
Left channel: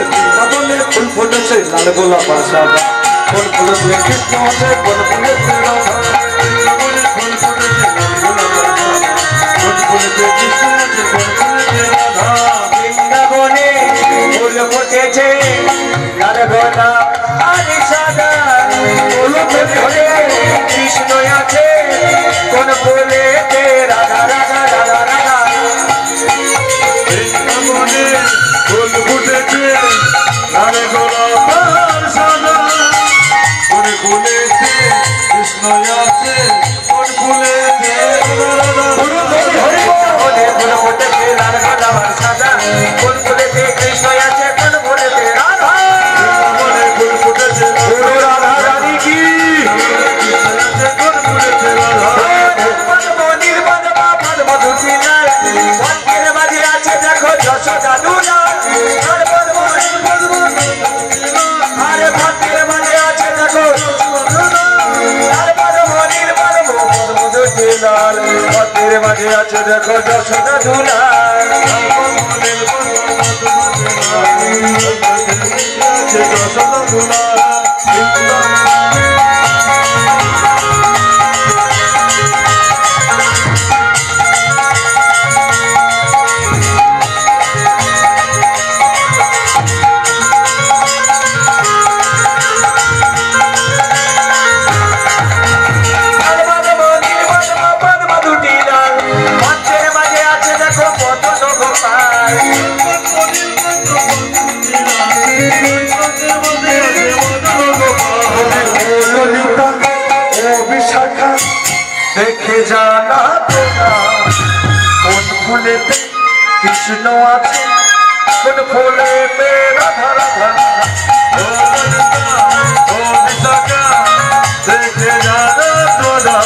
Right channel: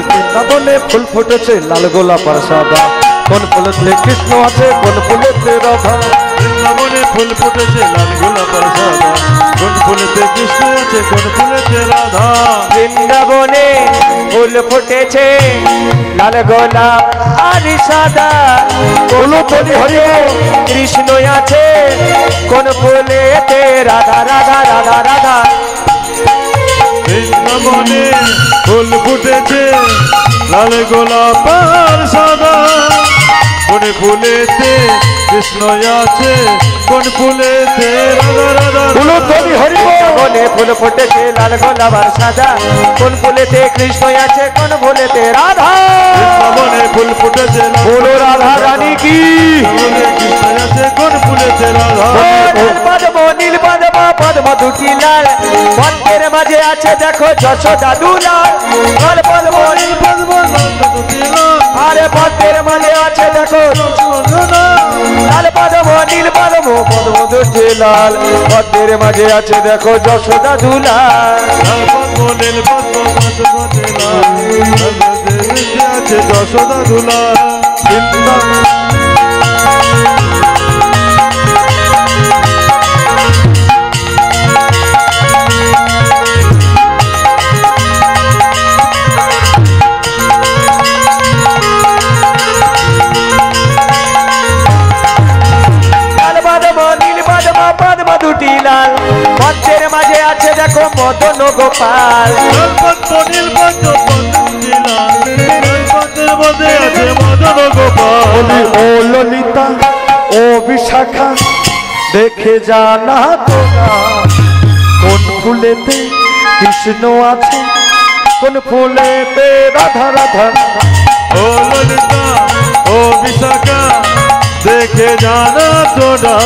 বৃন্দাবনে ফুল ফুটেছে লাল গোলাপ আর সাদা, কোন ফুলেতে কৃষ্ণ আছে কোন ফুলেতে রাধা। বৃন্দাবনে ফুল ফুটেছে লাল গোলাপ আর সাদা, কোন ফুলেতে কৃষ্ণ আছে কোন ফুলেতে রাধা। বৃন্দাবনে ফুল ফুটেছে লাল গোলাপ আর সাদা, কোন ফুলে কৃষ্ণ আছে কোন ফুলেতে রাধা রাধা রাধা রাধা। বৃন্দাবনে ফুল ফুটেছে লাল গোলাপ আর সাদা, কোন ফুলেতে কৃষ্ণ আছে কোন ফুলেতে রাধা। বলে ফুল ফুটেছে লাল গোলাপ আর সাদা, কোন ফুলেতে কৃষ্ণ আছে কোন ফুলেতে রাধা। বৃন্দাবনে ফুল ফুটেছে বলো রাধা রানী কি কৃষ্ণ আছে কোন ফুলেতে রাধা। পদ্ম নীল পদ্ম পদ্ম দুটি লাল, পদ্মের মাঝে আছে দেখো যশোদা দুলাল। আর পদ্ম নীল পদ্ম আরে পদ্মের মাঝে আছে লাল পদ্মের মাঝে আছে দেখো যশোদা দুলাল যশোদা দুলাল গোপাল ও ললিতা ও বিশাখা দেখে জানা তোরা কোন ফুলেতে কৃষ্ণ আছে কোন ফুলেতে রাধা রাধা ও ললিতা ও বিশাখা দেখে জানা তোরা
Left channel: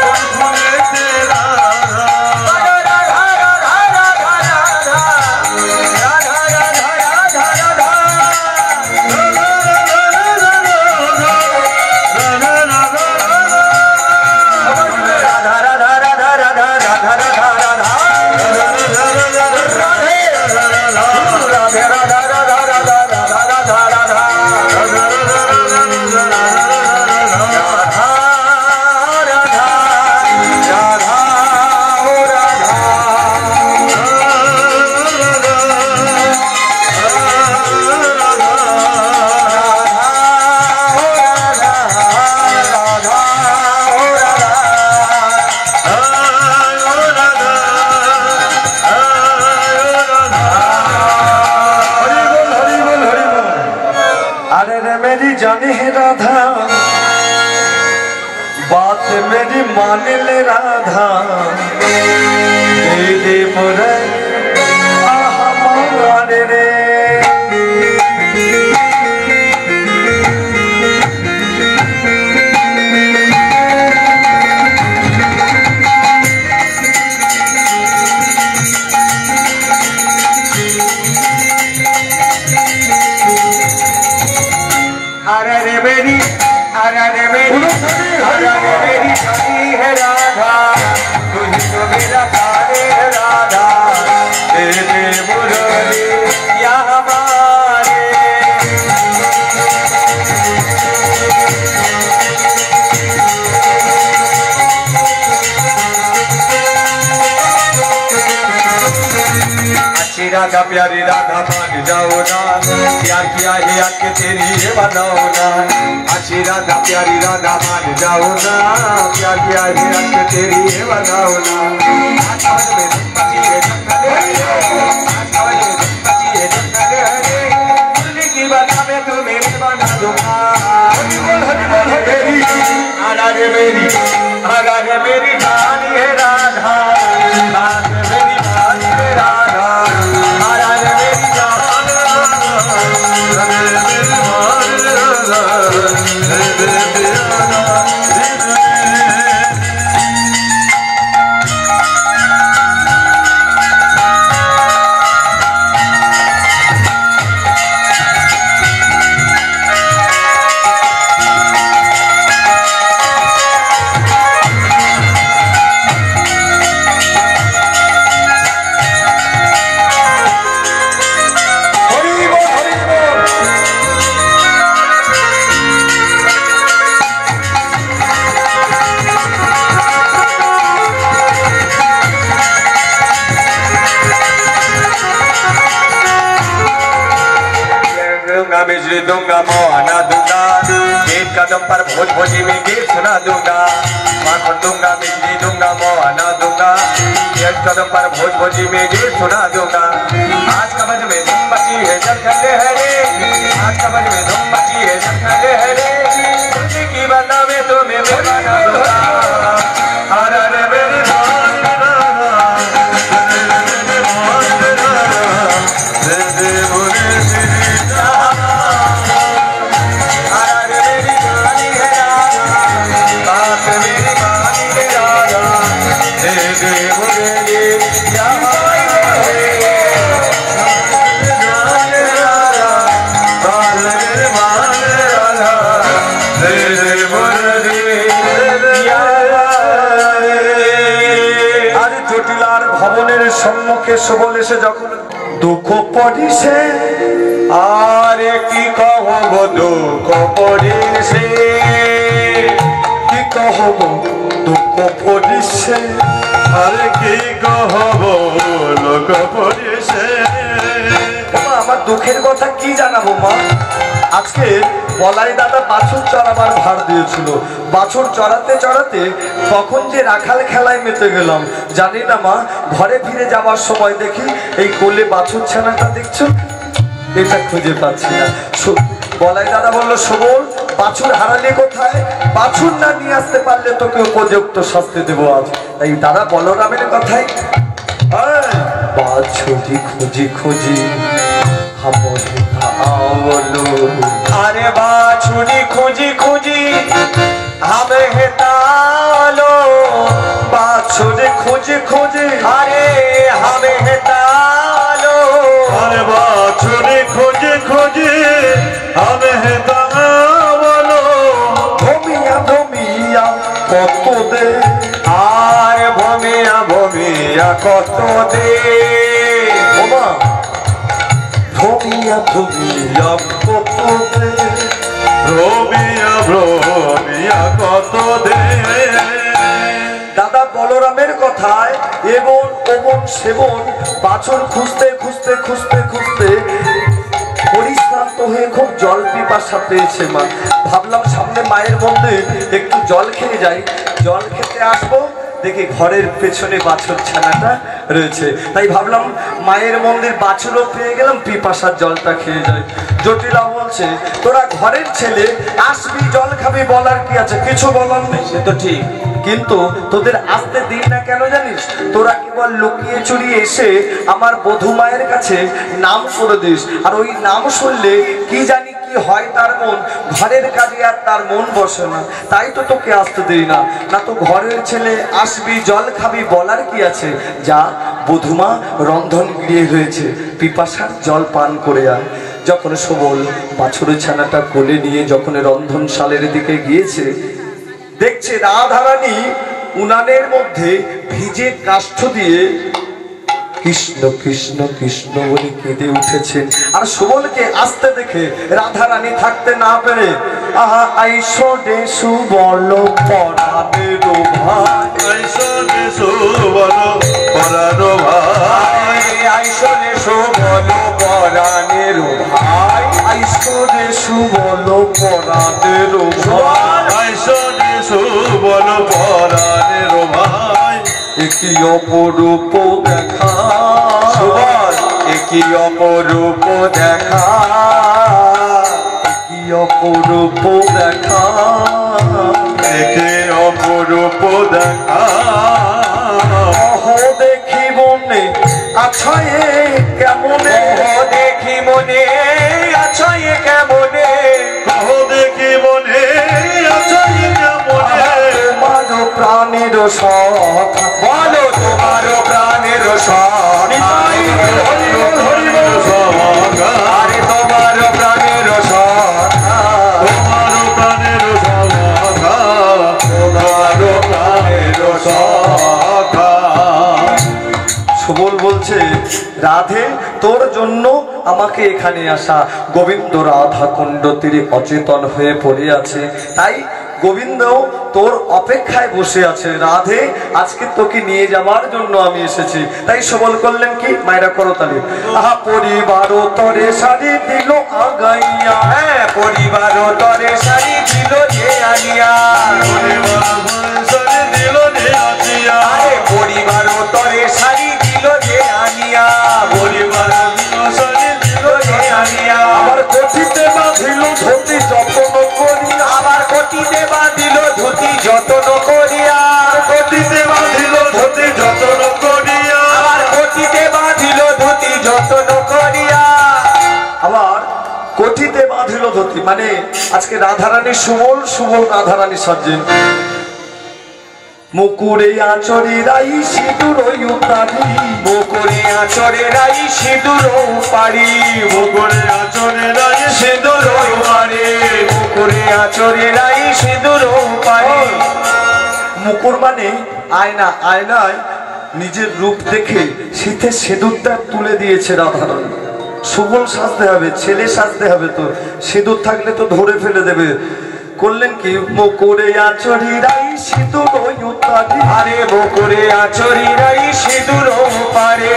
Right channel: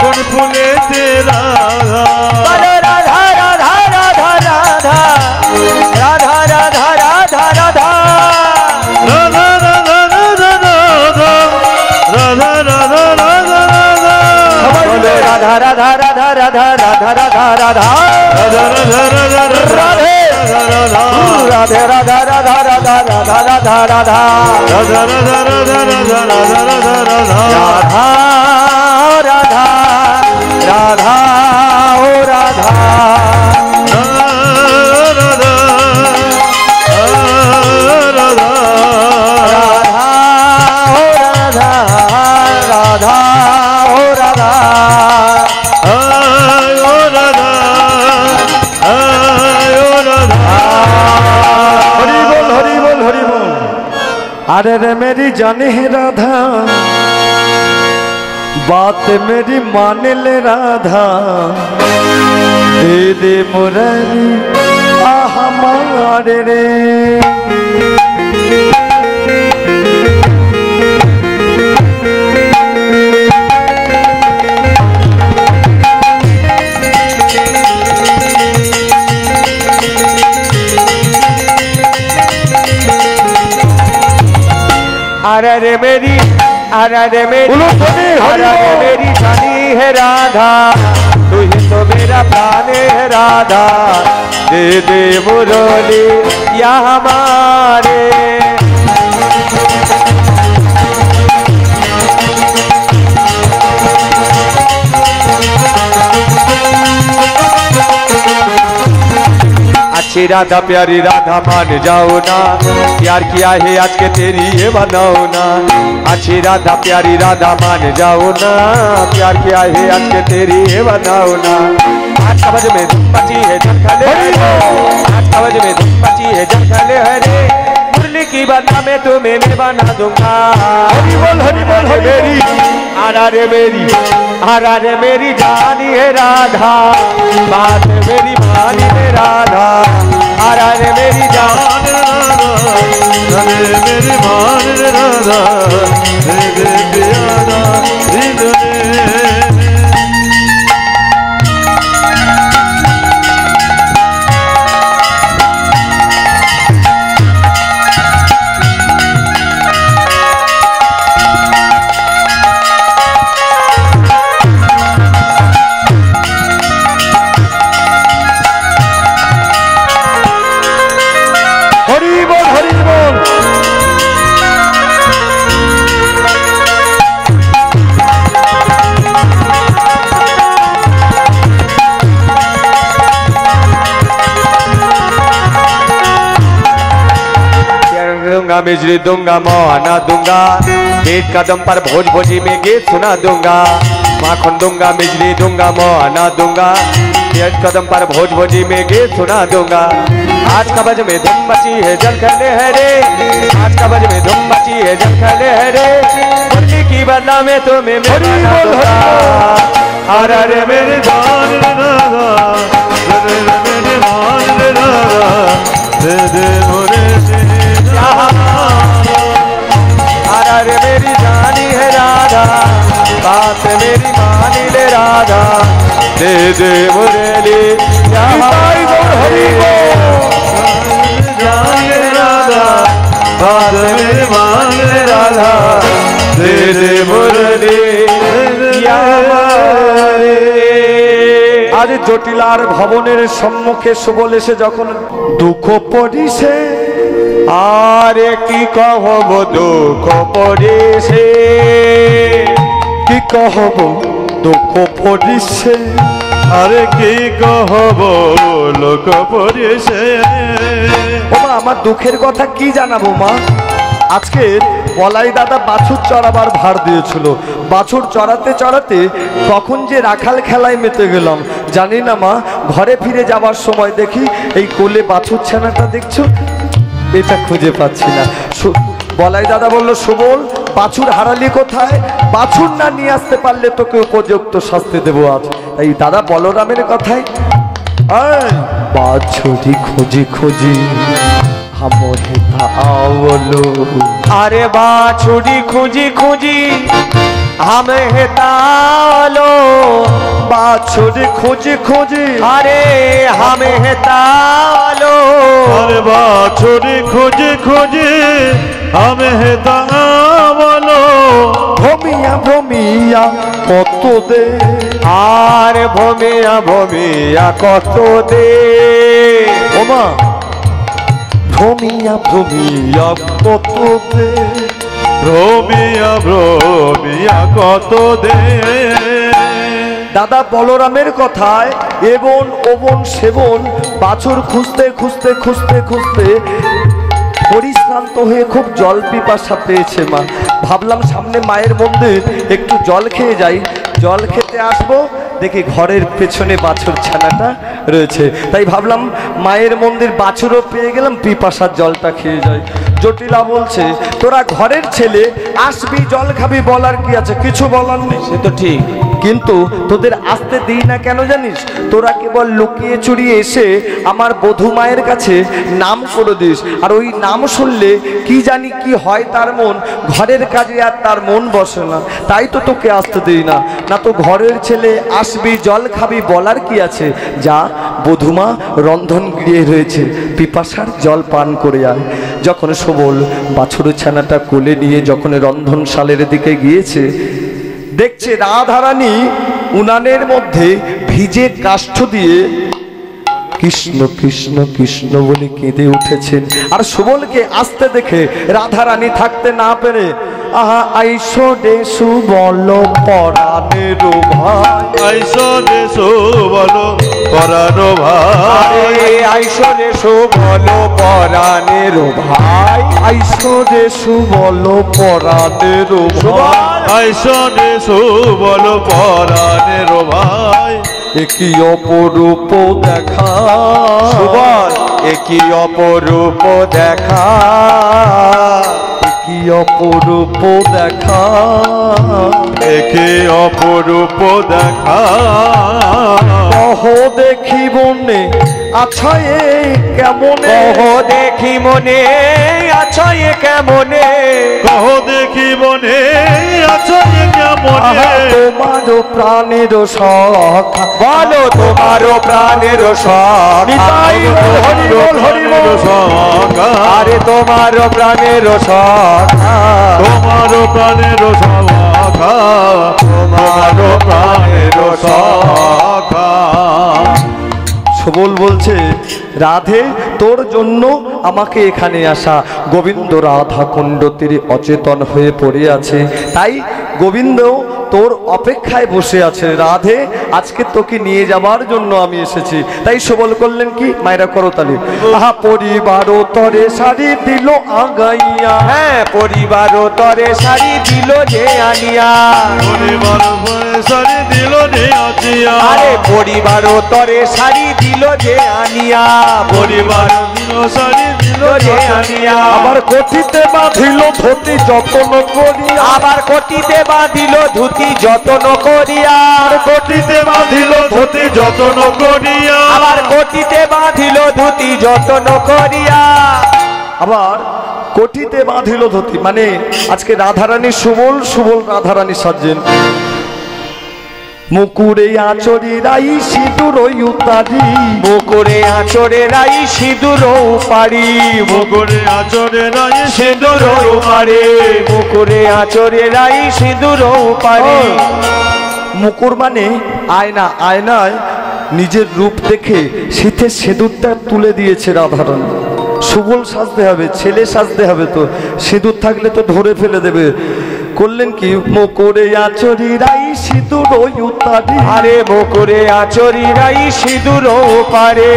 কোন ফুলেতে রাধা अरे रे मेरी जाने है राधा बात मेरी मान ले राधा दे दे मुरली आहा मारे रे अरे रे मेरी जानी है राधा तू ही तो मेरा प्राण है राधा दे दे मुरली या हमारे अच्छी राधा प्यारी राधा मान जाओ ना प्यार किया है आज के तेरी ये बनाओ ना अच्छी राधा प्यारी राधा मान जाओ ना प्यार किया है आज के तेरी ये बनाओ ना आज समझ में बची है जंखले आज समझ में बची है जंखले हरे मुरली की बना में तो मेरे बना दूंगा आगा रे मेरी जानी है राधा बात मेरी भानी है राधा आरा रे मेरी जान मेरी मान राधा बिजली दूंगा मोहना दूंगा एक कदम पर भोज भोजी में गीत सुना दूंगा माखन दूंगा बिजली दूंगा मोहना दूंगा एक कदम पर भोज भोजी में गीत सुना दूंगा आज कबज में धुम बची है जंखले हरे आज कबज में धुम बची है जंखले हरे मुरली की बदला में तुम्हें मेरा दूंगा अरे मेरे जान दे दे मुरली या राधा बात मेरी मान राधा दे दे मुरली या এবার ভবনের সম্মুখে সুবল এসে যখন দুঃখ পড়িছে, আরে কি কহব দুঃখ পড়েছে, কি কহব দুঃখ পড়িছে, আরে কি কহব লোক পড়েছে। বাবা আমার দুঃখের কথা কি জানাবো মা। আজকে বলাই দাদা বাছুর চড়াবার ভার দিয়েছিল, বাছুর চড়াতে চড়াতে তখন যে রাখাল খেলায় মেতে গেলাম জানি না মা। ঘরে ফিরে যাওয়ার সময় দেখি এই কোলে বাছুর ছানাটা দেখছো, এটা খুঁজে পাচ্ছি না। বলাই দাদা বললো সুবল বাছুর হারালি কোথায়, বাছুর না নিয়ে আসতে পারলে তোকে উপযুক্ত শাস্তি দেবো আজ। এই দাদা বলরামের কথায় বাছুরি খুঁজি খুঁজি আরে বাছুরি খুঁজি খুঁজি হামে হেতালো, বাছুরি খুঁজি খুঁজি আরে হামে হেতালো, আরে বাছুরি খুঁজি খুঁজি আমি হেতালো, ভমিয়া ভমিয়া কত দে, আর ভমিয়া ভমিয়া কত দে, ওমা ভমিয়া ভমিয়া কত দে, রবিয়া রবিয়া কত দে। দাদা বলরামের কথায় এবন ওবন সেবন বাছুর খুঁজতে খুঁজতে খুঁজতে খুঁজতে পরিশ্রান্ত হয়ে খুব জল পিপাসা পেয়েছে মা। ভাবলাম সামনে মায়ের মন্দির একটু জল খেয়ে যাই, জল খেতে আসবো দেখি ঘরের পেছনে বাছুর ছানাটা রয়েছে, তাই ভাবলাম মায়ের মন্দির বাছুরও পেয়ে গেলাম, পিপাসার জলটা খেয়ে যাই। জটিলা বলছে তোরা ঘরের ছেলে আসবি জল খাবি বলার কি আছে, কিছু বলার নেই, সে তো ঠিক, কিন্তু তোদের আসতে দিই না কেন জানিস, তোরা কেবল লুকিয়ে চুরিয়ে এসে আমার বধূ মায়ের কাছে নাম করে দিস, আর ওই নাম শুনলে কি জানি কি হয় তার মন, ঘরের কাজে আর তার মন বসে না, তাই তো তোকে আসতে দেই না। না তো ঘরের ছেলে আসবি জল খাবি বলার কি আছে, যা বধূমা রন্ধন গিয়ে হয়েছে পিপাসার জল পান করে আয়। যখন সুবল বাছুরের ছানাটা কোলে নিয়ে যখন রন্ধনশালের দিকে গিয়েছে, দেখছে রাধারানী উনানের মধ্যে ভিজে কাষ্ঠ দিয়ে কৃষ্ণ কৃষ্ণ কৃষ্ণ বলে কেঁদে উঠেছে। আর সুবলকে আসতে দেখে রাধারানী থাকতে না পেরে আহা আইসো দে সুবল পরাণের ভাই, আইসো দে সুবল পরানো ভাই, আইসো রে সুবল পরাণের ভাই, আইসো দে সুবল পরাণের ভাই, আইসো দে সুবল পরানের ভাই। একই অপরূপ দেখা, সুবল একই অপরূপ দেখা, কি অপরূপ দেখা, একে অপরূপ দেখা, কহ দেখি মনে আচ্ছা এ কেমনে, কহ দেখি মনে আছো এ কেমনে, কহ দেখি মনে আছো কেমনে, তোমার প্রাণের সখা, বলো তোমার প্রাণের সখা, আরে তোমার প্রাণের সখা, তোমার প্রাণের সখা, তোমার প্রাণের সখা। সুবল বলছে রাধে তোর জন্য আমাকে এখানে আসা। গোবিন্দ রাধা কুণ্ড তীরে অচেতন হয়ে পড়ে আছে, তাই গোবিন্দ তোর অপেক্ষায় বসে আছে। রাধে আজকে তোকে নিয়ে যাবার জন্য আমি এসেছি। তাই সুবল করলেন কি, মায়েরা করতালি, আহা পরিবার তরে শাড়ি দিল আগাইয়া, হ্যাঁ পরিবার তরে শাড়ি দিল যে আনিয়া, আরে পরিবার তরে শাড়ি দিল যে আনিয়া, পরিবার দিল যে আনিয়া, আমার কচিতে বাঁধিল ধুতি যত্ন করিয়া, আবার কটিতে বাঁধিল ধুতি যত্ন করিয়া, কটিতে বাঁধিল ধুতি যত্ন করিয়া, আবার কটিতে বাঁধিল ধুতি যত্ন করিয়া, আবার কটিতে বাঁধিল ধুতি, মানে আজকে রাধারানী সুবল, সুবল রাধারানী সাজে। মুকুরে আচরি রাই সিঁদুর উতারি, মুকুরে আচরে রাই সিঁদুর পারি, মুকুরে আচরে রাই সিঁদুর পারে, মুকুরে আচরে রাই সিঁদুর পারি, মুকুর মানে আয়না, আয়নায় নিজের রূপ দেখে শীতে সিঁদুরটা তুলে দিয়েছে রাধারণ। সুবল সাজতে হবে, ছেলে সাজতে হবে, তো সিঁদুর থাকলে তো ধরে ফেলে দেবে। করলেন কি, মোকরে আচরি রাই সিঁদুর উতারি, আরে বকুরে আচরি রাই সিঁদুর পারে,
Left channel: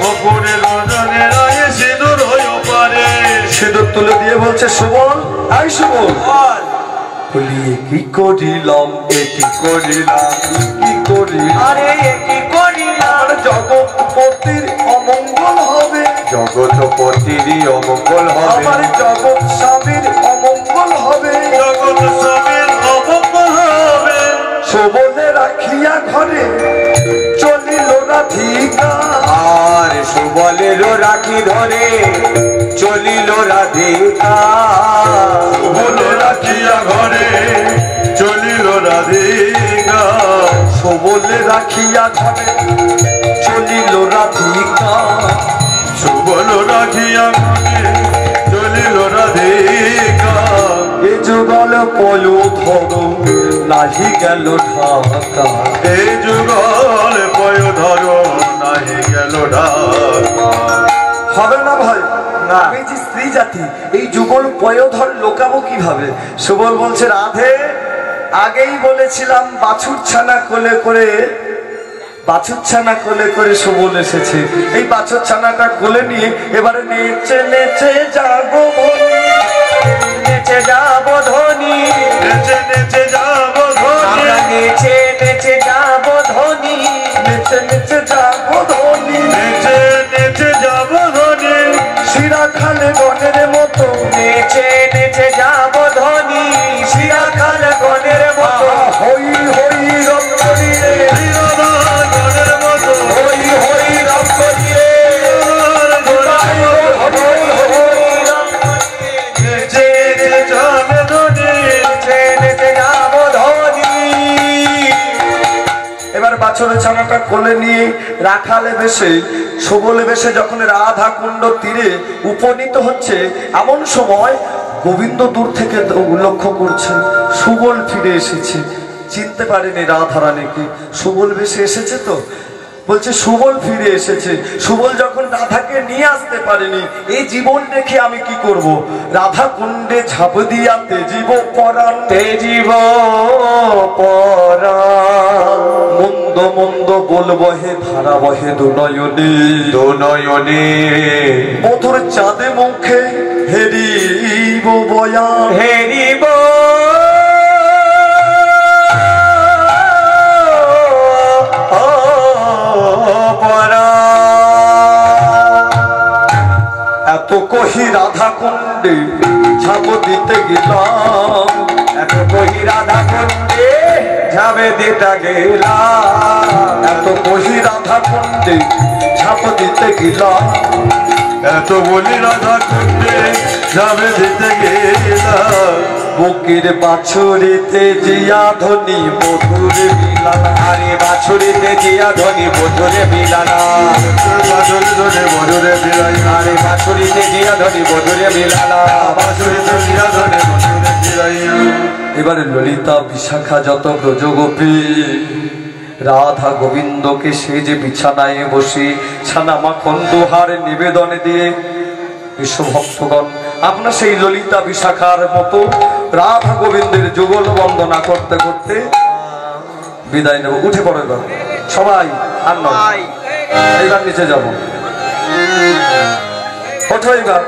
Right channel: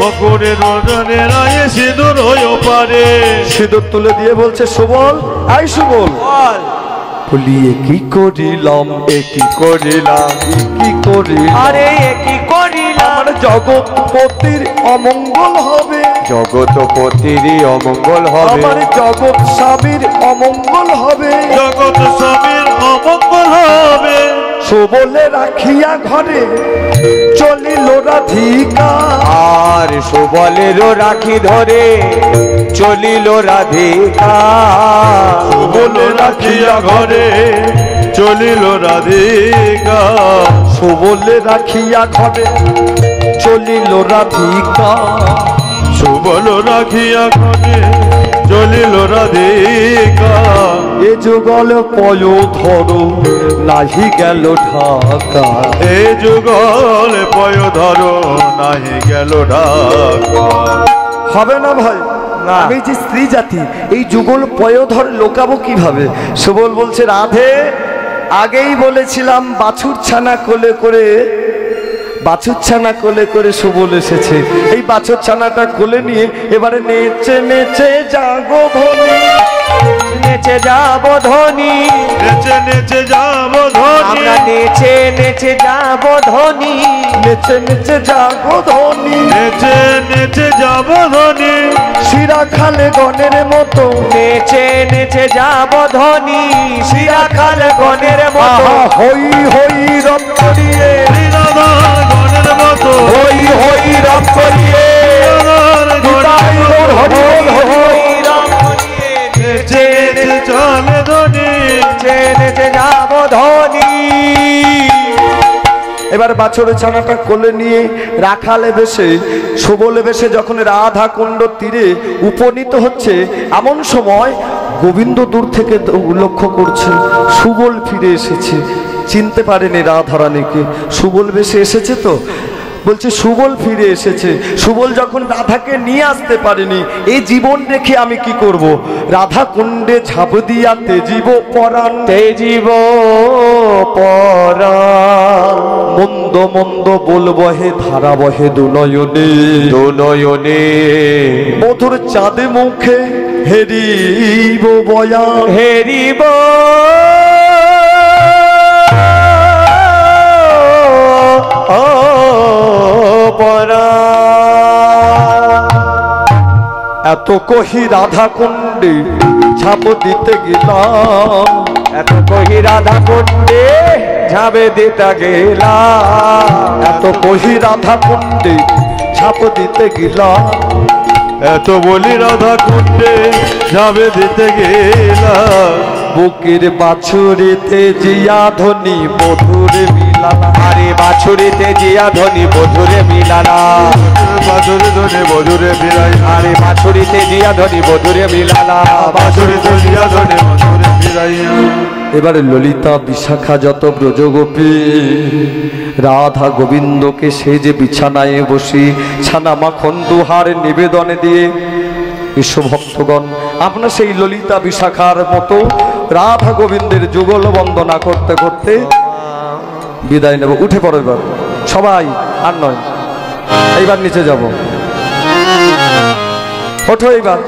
বকুরে রজনী রাই সিঁদুর পারে। সিঁদুর তুলে দিয়ে বলছে সুবল, আই সুবল বলিয়ে কি করিলাম, এটি করিলাম, কি করিলাম, আরে কি করিলাম, জগৎপতির অমঙ্গল হবে, জগৎপতির অমঙ্গল হবে, আমার জগৎ স্বামীর অমঙ্গল হবে, জগৎ স্বামীর অমঙ্গল হবে। সুবলে রাখিয়া ঘরে চলিল রাধিকা, আর সুবলেরও রাখি ধরে চলিল রাধিকা, বলে রাখিয়া ঘরে চলিল রাধিকা, সুবলে রাখিয়া ঘরে চলিল রাধিকা, সুবল রাখিয়া ঘরে চলিল রাধিকা। এ যুগল পয় ধরো নাহি গেল ঢাকা, এ যুগল পয় ধরো নাহি গেল ঢাকা। হবে না ভাই, আমি যে স্ত্রী জাতি, এই যুগল পয়োধর লোকাবো কিভাবে? সুবল বলছে, রাধে আগেই বলেছিলাম বাছুর ছানা কোলে করে, বাছুর ছানা কোলে করে সুবল এসেছে। এই বাছুর ছানাটা কোলে নিয়ে এবারে নেচে নেচে জাগো ধনী, নেচে যাব ধনী, নেচে নেচে যাব ধনী, আমরা নেচে নেচে যাব ধনী, নেচে নেচে জাগো ধনী, নেচে নেচে যাব ধনী, শিরা খালে বনের মতো, নেচে নেচে যাব ধনী, শিরা খাল গনের মতো, হই হই রক্ত দিয়ে, গণের মতো, হই হই রক্ত দিয়ে, গণের মতো, নেচে নেচে চলে ধনী, নেচে নেচে যাব ধনী। এবার বাছরের ছানাটা কোলে নিয়ে রাখালে বেশে সুবলে বেশে যখন রাধা কুণ্ড তীরে উপনীত হচ্ছে, এমন সময় গোবিন্দ দূর থেকে লক্ষ্য করছে সুবল ফিরে এসেছে। চিনতে পারেনি রাধারানীকে, সুবল বেশে এসেছে তো বলছে সুবল ফিরে এসেছে। সুবল যখন রাধাকে নিয়ে আসতে পারেনি, এই জীবন রেখে আমি কি করব? রাধা কুণ্ডে ঝাঁপ দিয়া তেজিব পরাণ, তেজিব পরাণ, মন্দ মন্দ বলবো হে ধারা বহে দুনয়নে, দুনয়নে মধুর চাঁদে মুখে হেরিব বয়ান, হেরিব এত কহি রাধা কুণ্ডে ঝাঁপ দিতে গেলাম, এত কহি রাধা কুণ্ডে ঝাঁপে দিতে গেলাম, এত কহি রাধা কুণ্ডে ঝাঁপ দিতে গেলাম, এত বলি রাধা কুণ্ডে যাবে দিতে গেলাম, বুকের বাছুরিতে জিয়া ধ্বনি মধুর বিলানা, আরে বাছুরিতে জিয়া ধনী মধুরে মিলানা, বাজরে ধনে বজরে ফিরাই, আরে বাছুরিতে জিয়া ধনী মধুরে মিলানা, বাজরে দিয়া ধনে বজরে ফিরাইয়া। এবারে ললিতা বিশাখা যত ব্রজগোপী রাধা গোবিন্দকে সেই যে বিছানায় বসি ছানা মাখন দোহার নিবেদনে দিয়ে, বিশ্ব ভক্তগণ আপনার সেই ললিতা বিশাখার মতো রাধা গোবিন্দের যুগল বন্দনা করতে করতে বিদায় নেব। উঠে পড়ো এবার সবাই, আর নয় এইবার নিচে যাব, ওঠো এবার।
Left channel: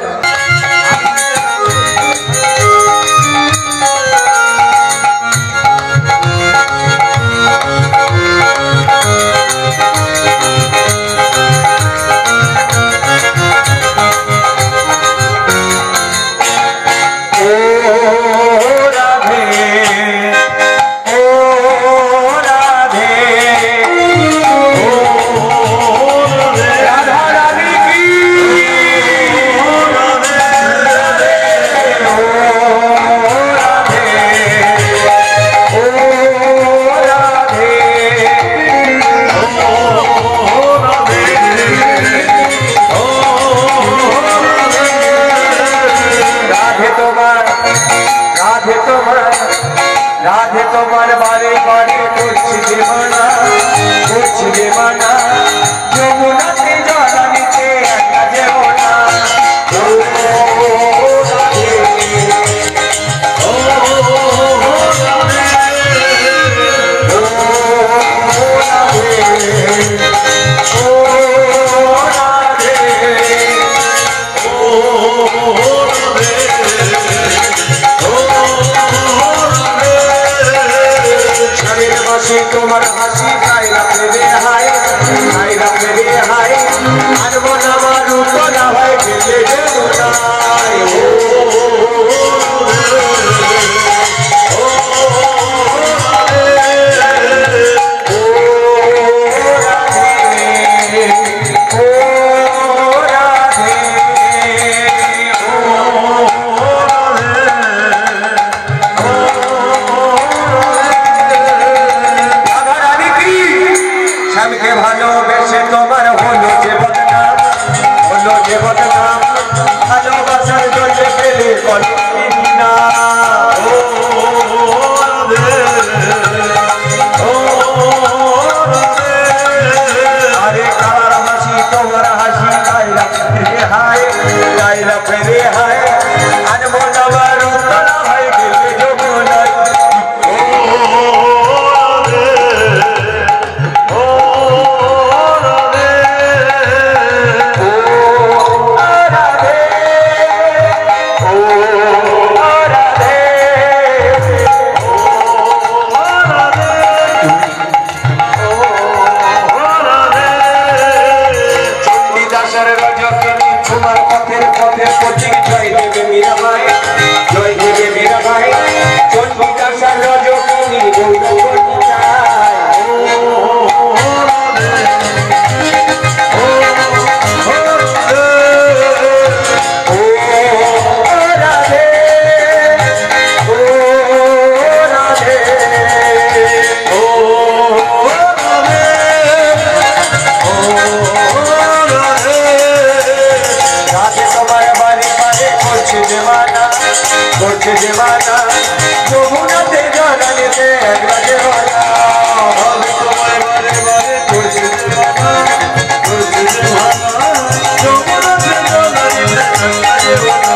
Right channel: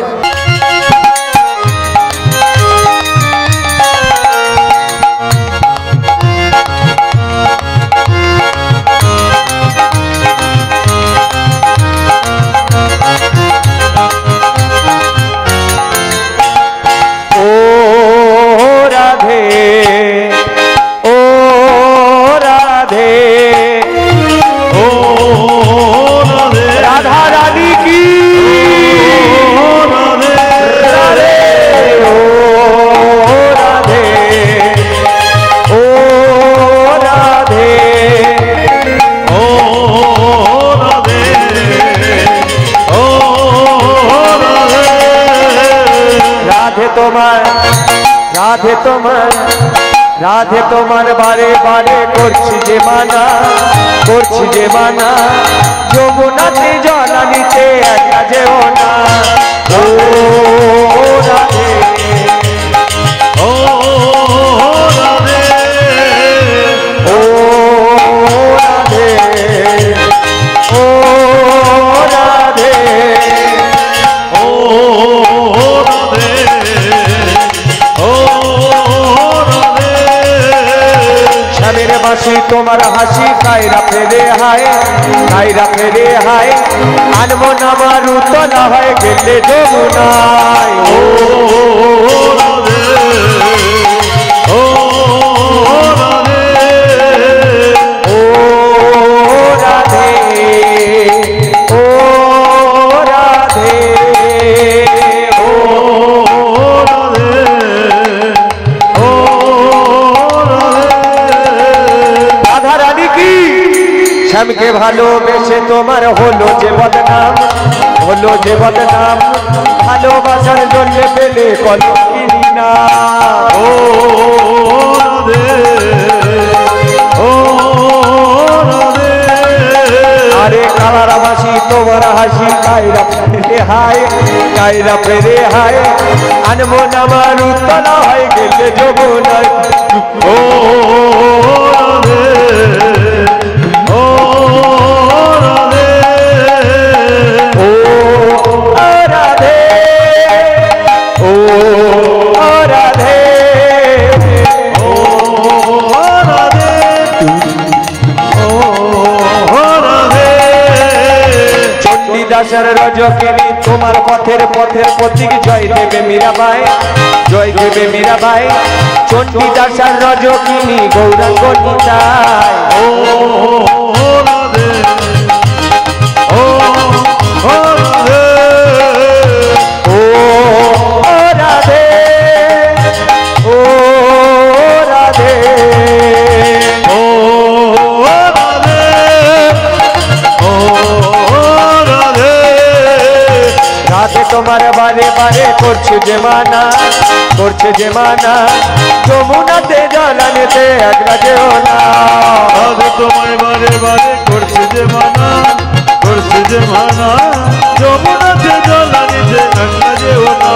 রাধে তোমার বারে বারে করছি যে মানা, করছি যে মানা, যমুনাতে জলানিতে একা যেও না। ও রাধে, ও রাধে, ও রাধে, ও রাধে, ও রাধে, ও স্বামীর বাসি তোমার হাসি খাই রাখে রে হায়, খাই রাখে রে হায়, আনবো না আমার তো না হয় গেলে যমুনায়। ও রাধে, ও রাধে, ও রাধে, ও রাধে, ও শ্যামকে ভালোবেসে তোমার হলো যে বদনাম, হলো যে বদনাম, ভালোবাসার জন্য পেলে কলঙ্কি না। ও রাধে, ও রাধে, আরে খাবার হাসি তোমার হাসি গাই রাখে রে হায়, গাই রাখে রে হায়, আনবো না আমার উত্তলা হয় গেলে যমুনায়। ও তোমার পথের পথের পথিক জয় দেবে মীরাবাই, জয় দেবে মীরাবাই, চন্ডী দাসার রাজকিনী গৌরাঙ্গ নিতাই। ও রাধে, ও রাধে, ও রাধে, ও রাধে, ও রাধে, ও রাধে, রাধে তোমার বারে বারে করছে যে মানা, করছে যে মানা, যমুনাতে জলানিতে একা যেও না। রাধে তোমার বারে বারে করছে যে মানা, করছে যে মানা, যমুনাতে জলানিতে একা যেও না।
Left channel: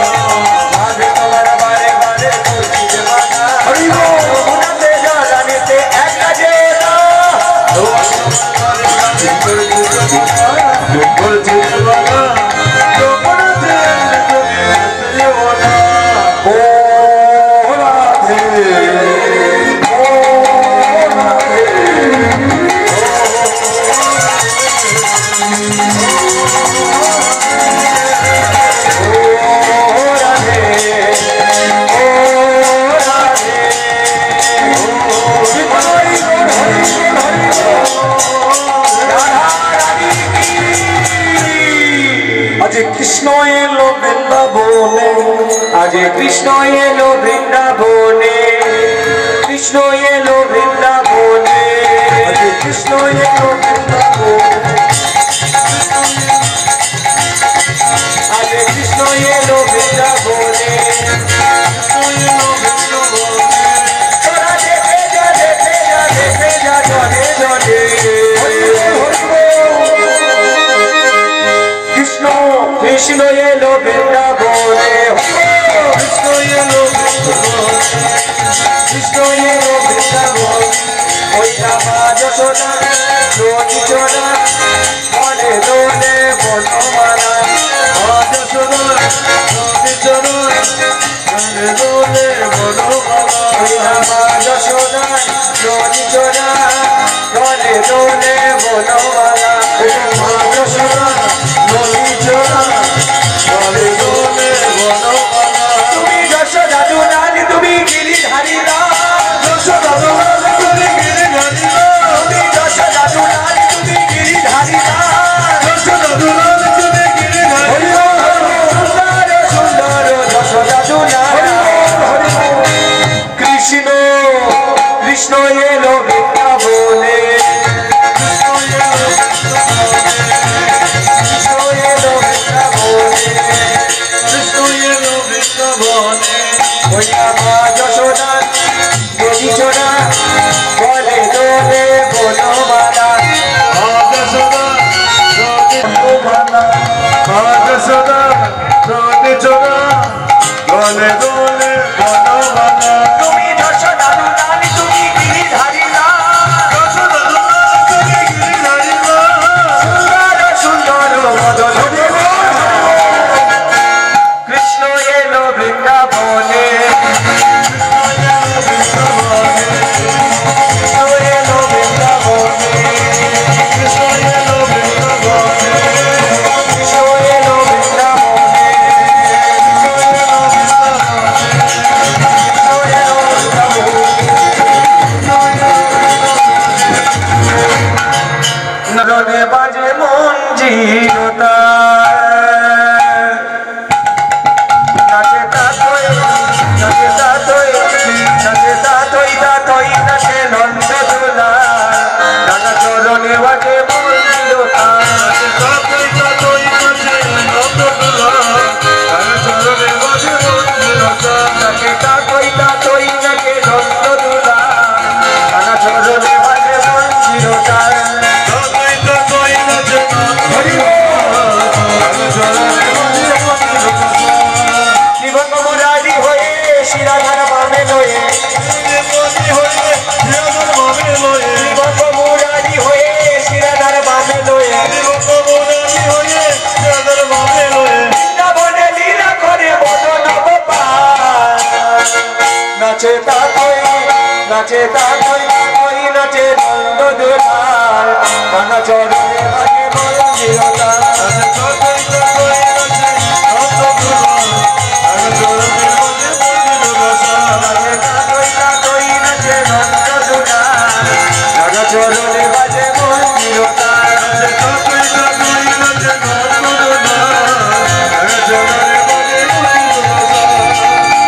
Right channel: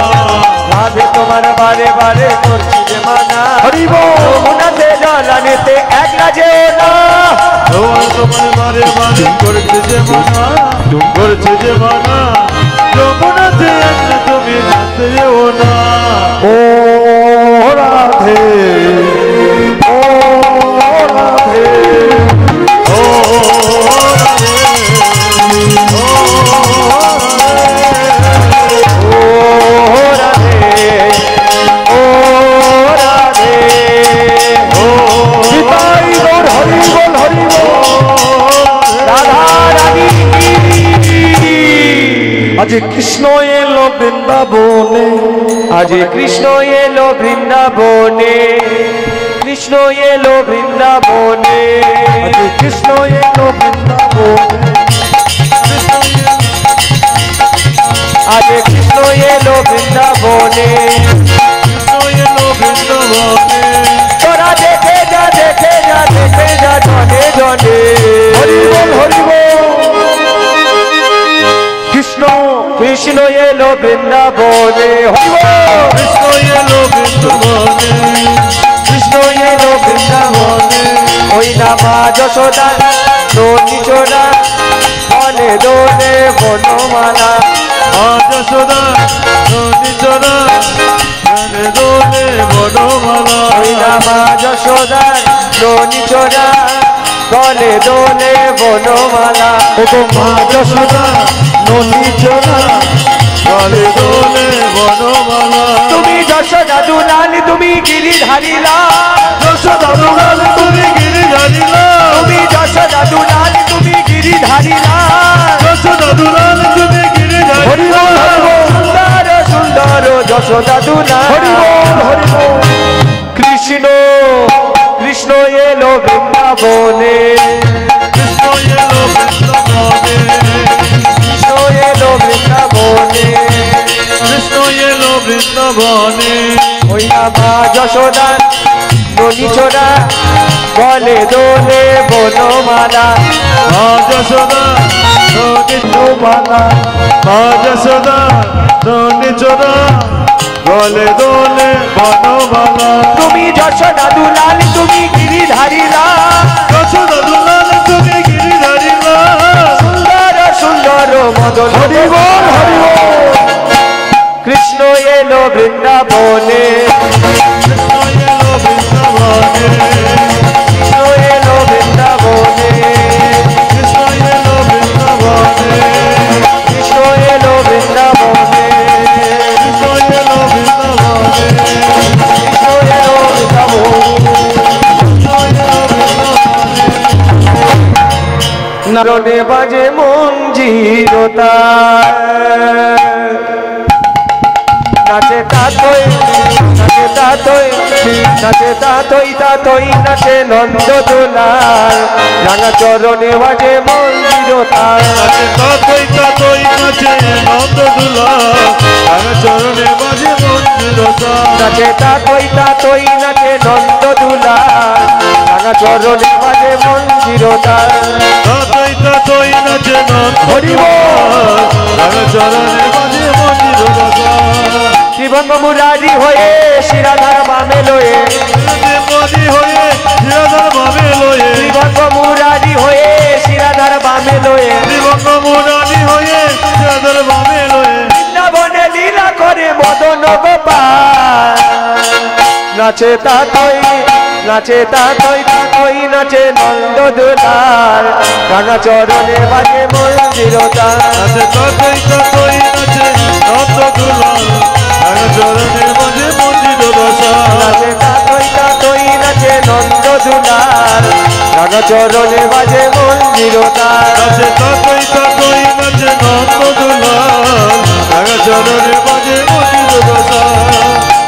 রাধে তোমার বারে বারে করছে যে মানা, যমুনাতে জলানিতে একা যেও না। রাধে তোমার বারে বারে করছে যে মানা, করছে যে মানা, যমুনাতে একা তুমি ভাসতে যেও না। ও রাধে, ও রাধে, ও আজ কৃষ্ণ এলো বৃন্দাবনে, আজ কৃষ্ণ এলো বৃন্দাবনে, কৃষ্ণ এলো বৃন্দাবনে, আজ কৃষ্ণ এলো বৃন্দাবনে, আজ কৃষ্ণ এলো বৃন্দাবনে, কৃষ্ণ এলো বৃন্দাবনে। তোরা দেখে যা, দেখে যা, দেখে যা, জনে জনে। হরি বল, হরি বল। কৃষ্ণ কৃষ্ণ এলো বৃন্দাবনে, কৃষ্ণ এলো বৃন্দাবনে, কৃষ্ণ এলো বৃন্দাবনে, ওই না মা যশোদা দোনি চোরা বনে দোনে বনমালা। আজ সদা নদী চোরা, গানে দোলে বনমালা। ওই না মা যশোদা দোনি চোরা বনে দোনে বনমালা। মা যশোদা নদী চোরা, গানে দোলে বনমালা। তুমি যশোদা দুলানি, তুমি গিরিধারী লাল। যশোদা দোলাল তুমি গিরিধারী লাল, তুমি যশোদা দুলানি, তুমি গিরিধারী লাল। যশোদা দোলাল তুমি গিরিধারী লাল। সুন্দর সুন্দর যশোদা দুলাল। কৃষ্ণ কৃষ্ণ এলো বৃন্দাবনে, কৃষ্ণ এলো বৃন্দাবনে, কৃষ্ণ এলো বৃন্দাবনে, কৃষ্ণ এলো বৃন্দাবনে। ওই মা যশোদা কিশোরা বলে দোলে বনমালা আজ সদা রনি মালা আজ সদা রনি চলা বলে দোলে বনমালা তুমি যশোদা দুলাল তুমি গিরিধারী লাল যশোদা দুলাল তুমি গিরিধারী লাল সুন্দর সুন্দর মদন কৃষ্ণ এলো বৃন্দাবনে নরনে বাজে মঞ্জিরতা নাচে তাতই নাচে তাতই নাচে তাতই তাতই নাচে নন্দ দোলার রাঙা চরণে বাজে মঞ্জিরতা তাতই তাতই নাচে নন্দ দোলাল রাঙা চরণে বাজে মঞ্জিরতা নাচে তাতই তাতই নাচে নন্দ দোলার রাঙা চরণে বাজে মঞ্জিরতা তাতই তাতই নাচে নন্দ দোলাল রাঙা চরণে বাজে মঞ্জিরতা জীবন মুরারি হয়ে শিরাধার বামে লয়ে মাঝি হয়ে শিরাধার বামে লয়ে জীবন মুরারি হয়ে শিরাধার বামে লয়ে জীবন মোরারি হয়ে শিরাধার বামে লয়ে বৃন্দাবনে লীলা করে মদন গোপাল নাচে তাতই নাচে তাতই তাতই নাচে নন্দ দোলাল রাঙা চরণে বাজে মঞ্জিরতা নাচে তাতই তাতই নাচে নন্দ দোলাল রাঙা চরণে বাজে মঞ্জিরতা নাচে তাতই তাতই নাচে নন্দ দোলাল রাঙা চরণে বাজে মঞ্জিরতা নাচে তাতই তাতই নাচে নন্দ দোলাল রাঙা চরণে বাজে মঞ্জিরতা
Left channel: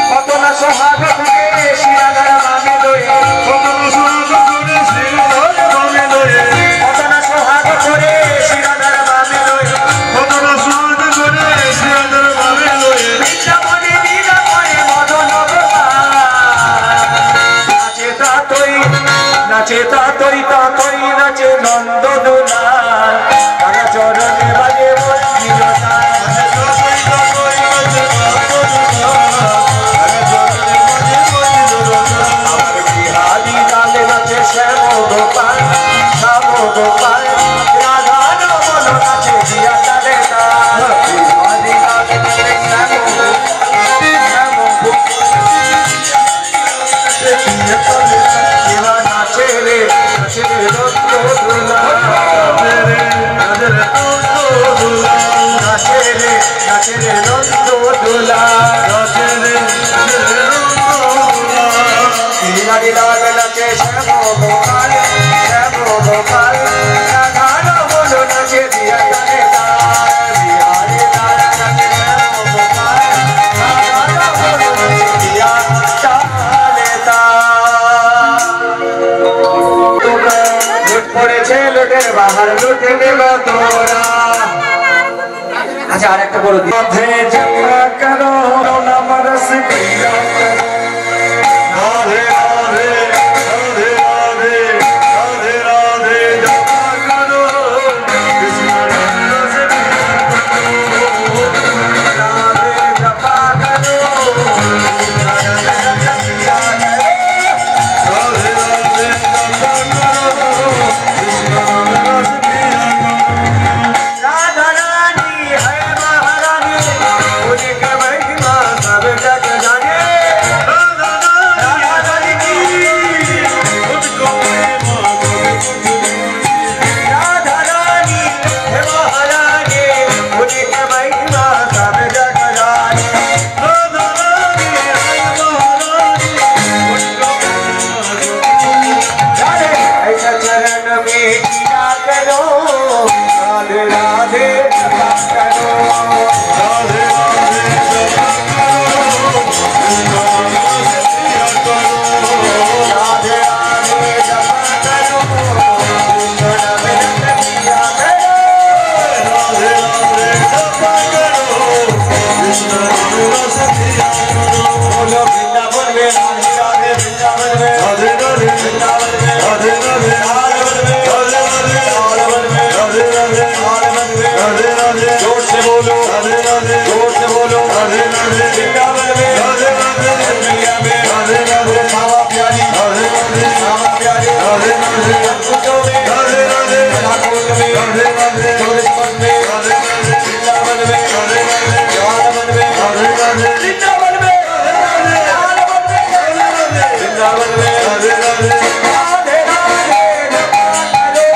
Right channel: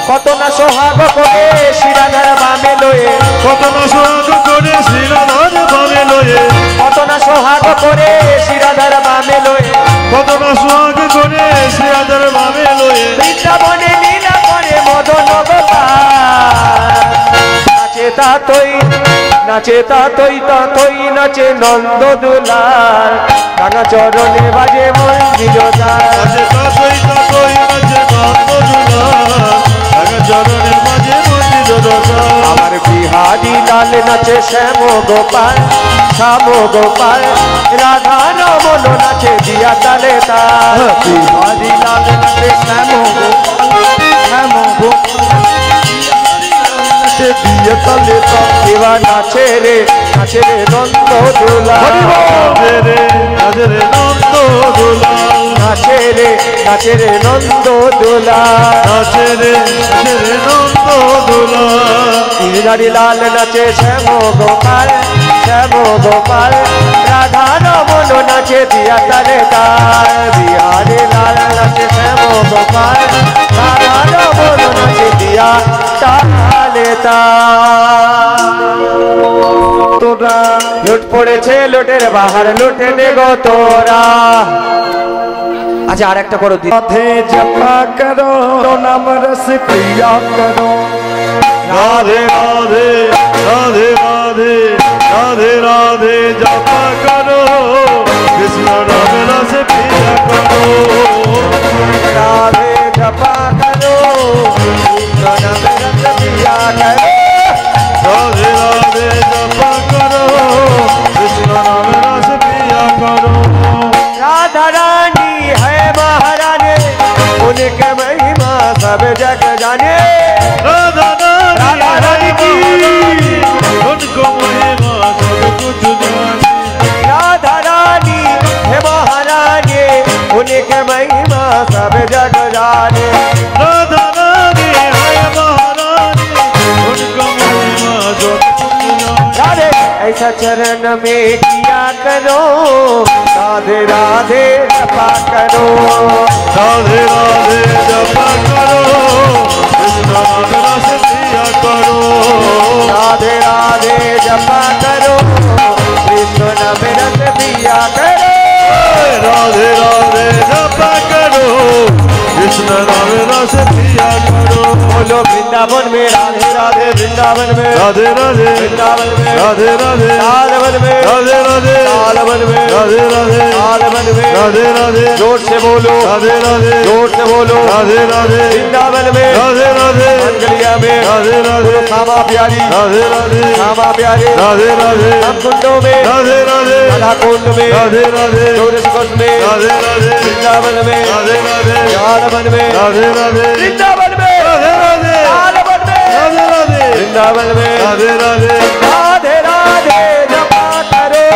কত না সোহাগ করে শিরাধার বামে লয়ে কত মাস করে শিরাধার বামে লয়ে কত না সোহাগ করে শিরাধার বামে লয়ে কত মাস করে শিরাধার বামে লয়ে বৃন্দাবনে লীলা করে মদন গোপাল নাচে তাতই নাচে তাতই তাতই নাচে নন্দ দোলাল রাঙা চরণে বাজে মঞ্জিরতা নাচে তাতই তাতই নাচে নন্দ দোলাল রাঙা চরণে বাজে মঞ্জিরতা আমার বিহারি লাল নাচে শ্যাম গোপাল শ্যাম গোপাল রাধা রমন নাচে দিয়া তালে তাল বিহারি লাল নাচে শ্যাম গোপাল শ্যাম গোপাল নাচে দিয়া তালে তাল এবার নাচে রে নন্দ দোলাল নাচে রে নন্দ দোলাল নাচে রে নন্দ দোলাল নাচে রে নন্দ দোলাল বিহারি লাল নাচে শ্যাম গোপাল রাধা রমন নাচে দিয়া তালে তাল বিহারি লাল নাচে শ্যাম গোপাল রাধা রমন নাচে দিয়া তালে তাল লুট পড়েছে লুটের বাহার লুটে নে গো তোরা আচ্ছা আর একটা বড় দিন জপা করো নাম রস পিয়া করো রাধে রাধে রাধে রাধে রাধে রাধে জপা করো কৃষ্ণ রাধে রস পিয়া করো রাধে জপা করো রাধে রাধে জপা করো কৃষ্ণ রাধে রস পিয়া করো राधा रानी है महारानी उनका महिमा सब जग जाने राधा राधा रानी की राधे राधे राधे राधे जपा करो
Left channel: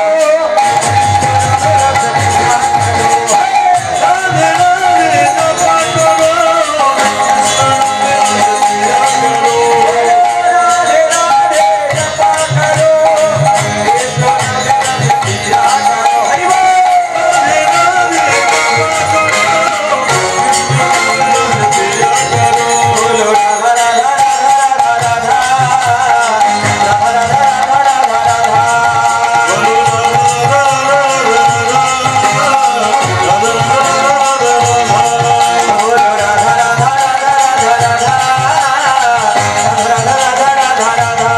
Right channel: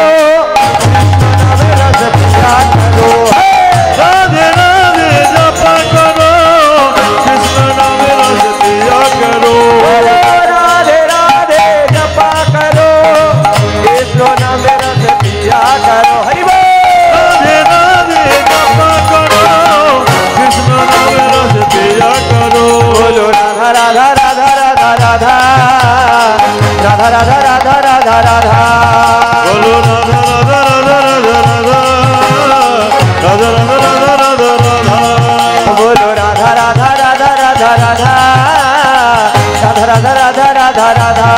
राधे राधे जपा करो कृष्ण नाम रस पिया करो राधे राधे जपा करो कृष्ण नाम रस पिया करो हरि बोल राधे राधे जपा करो कृष्ण नाम रस पिया करो बोलो राधा राधा राधा राधा राधा राधा राधा राधा राधा बोलो राधा राधा राधा राधा राधा राधा बोलो राधा राधा राधा राधा राधा राधा राधा राधा राधा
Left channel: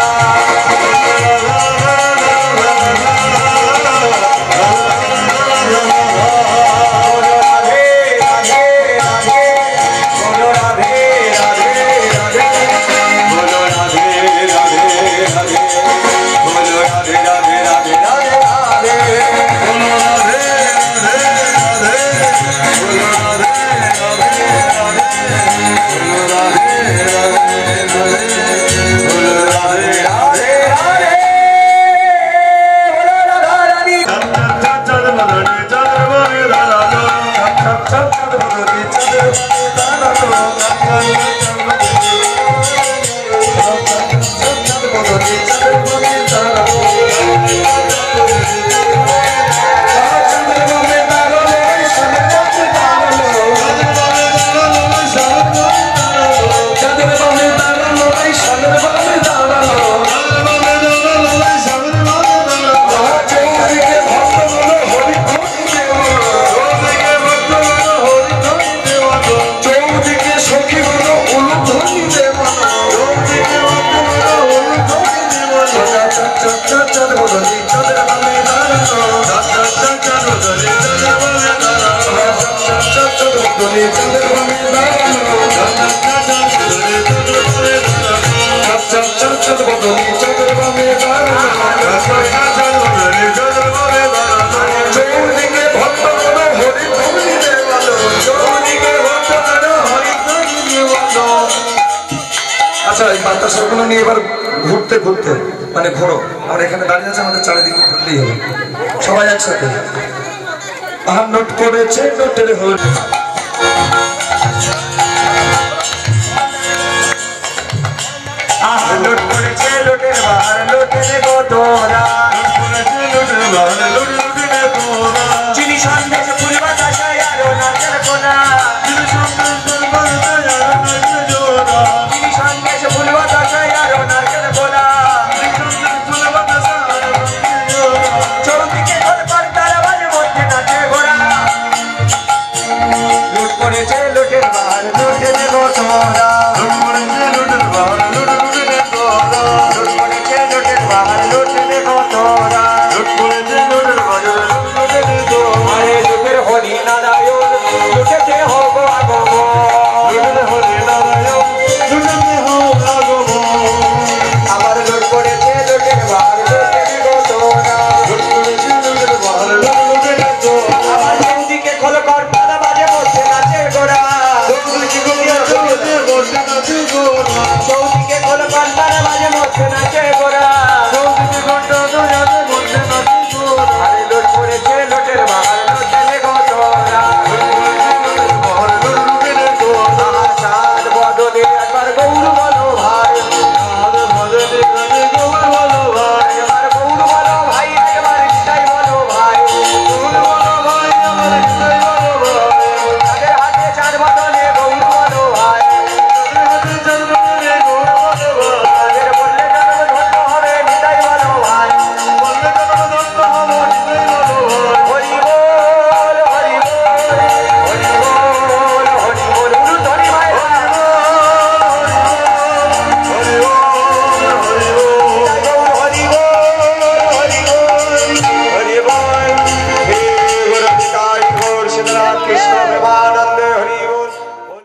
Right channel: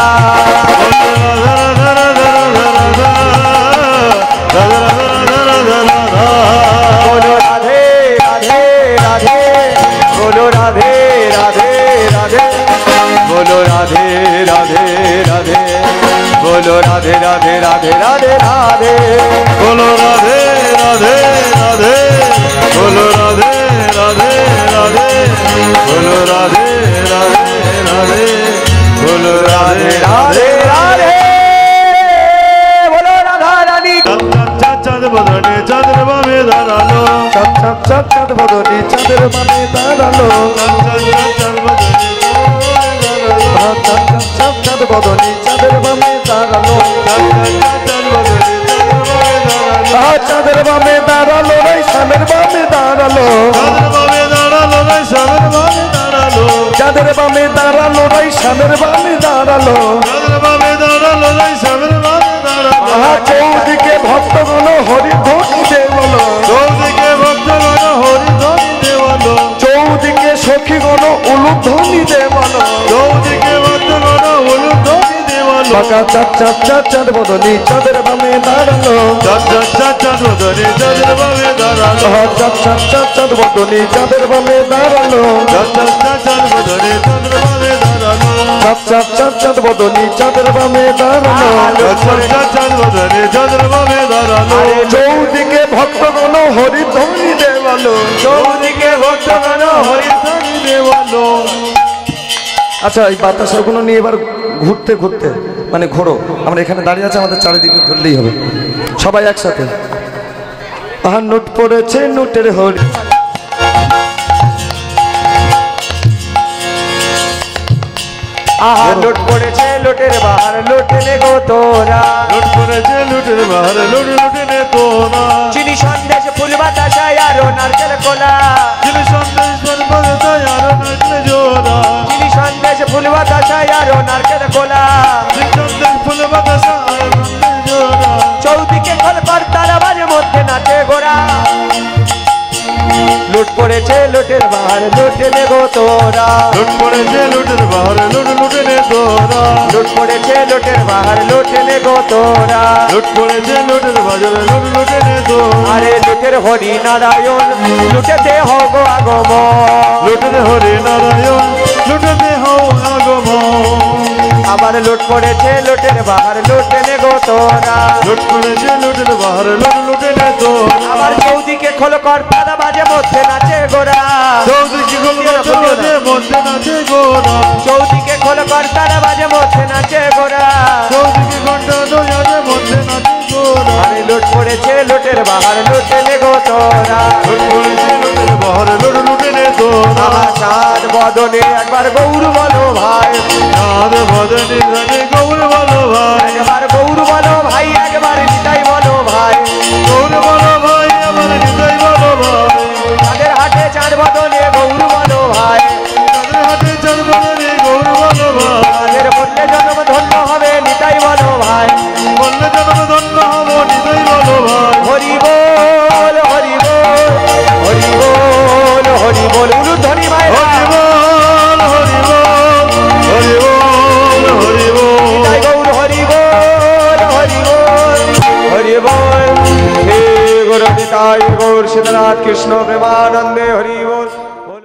बोलो राधे राधे राधे बोलो राधे राधे राधे बोलो राधे राधे राधे बोलो राधे राधे राधे राधे राधे बोलो राधे राधे राधे बोलो राधे राधे राधे बोलो राधे राधे राधे बोलो राधे राधे राधे बोलो राधा रानी चंद्र बदले चंद्र बदले दादा चप चप चप चप बदली चंद्रमा में तारा लो चप चप बदली चंद्रमा में तारा लो चंद्रमा में तारा लो चंद्रमा में तारा लो चंद्रमा में तारा लो भाई चंद्रमा में तारा लो चौधरी के भक्त बोलो हरि धोनी बोलो चौधरी के सखी बोलो उलू धोनी दे बोलो चप चप चप चप चंद्र बदली चंद्रमा में तारा लो चप चप चप चप बदली चंद्रमा में तारा लो चप चप चप चप बदली चंद्रमा में तारा लो चौधरी के भक्त बोलो हरि धोनी दे बोलो चौधरी के भक्त बोलो हरि धोनी दे बोलो। আচ্ছা এই বাতাসগুলো নিয়ে এবার ঘুরতে ঘুরতে মানে ঘোরো আমরা এখানে দাঁড়িয়ে আছে আমাদের চারিদিকে ঘুরলেই হবে সবাই একসাথে নোট করেছে নোটের হোল আহা লোট করেছে লোটের বার লোটের গোতরা চিনি সন্দেশ ফুল বাতাসা আরো নাচের কোলা চিনি সন্দেশ ফুল বাতাসা আরো নাচের কোলা চৌদিকে খলকর তারাবানের মধ্যে নাচে ঘোড়া লুট করেছে লোটের বার লোটের গোতরা লুট করেছে লোটের বার লোটের গোতরা আরে লোটের হরি নারায়ণ লুটেতে হোক আগম আবার লুট করেছে লোটের বার লোটের গোতরা আবার চৌদিকে খলকর তারা বাজে মধ্যে নাচে ঘোড়া চৌদিকে খলকর তারা বাজে মধ্যে নাচে ঘোড়া আরে লুট করেছে লোটের বার লোটের গোতরা সাত বদনে একবার গৌর বলো ভাই একবার গৌর বলো ভাই একবার নিতাই বলো ভাই তাদের হাটে চার বদনে গৌর বলো ভাই তাদের বললে জন্ম ধন্য হবে নিতাই বলো ভাই হরি বল হরি বল হরি বল হরি বল উলু ধরি ভাই कृष्ण प्रेमानंदे हरि बोल।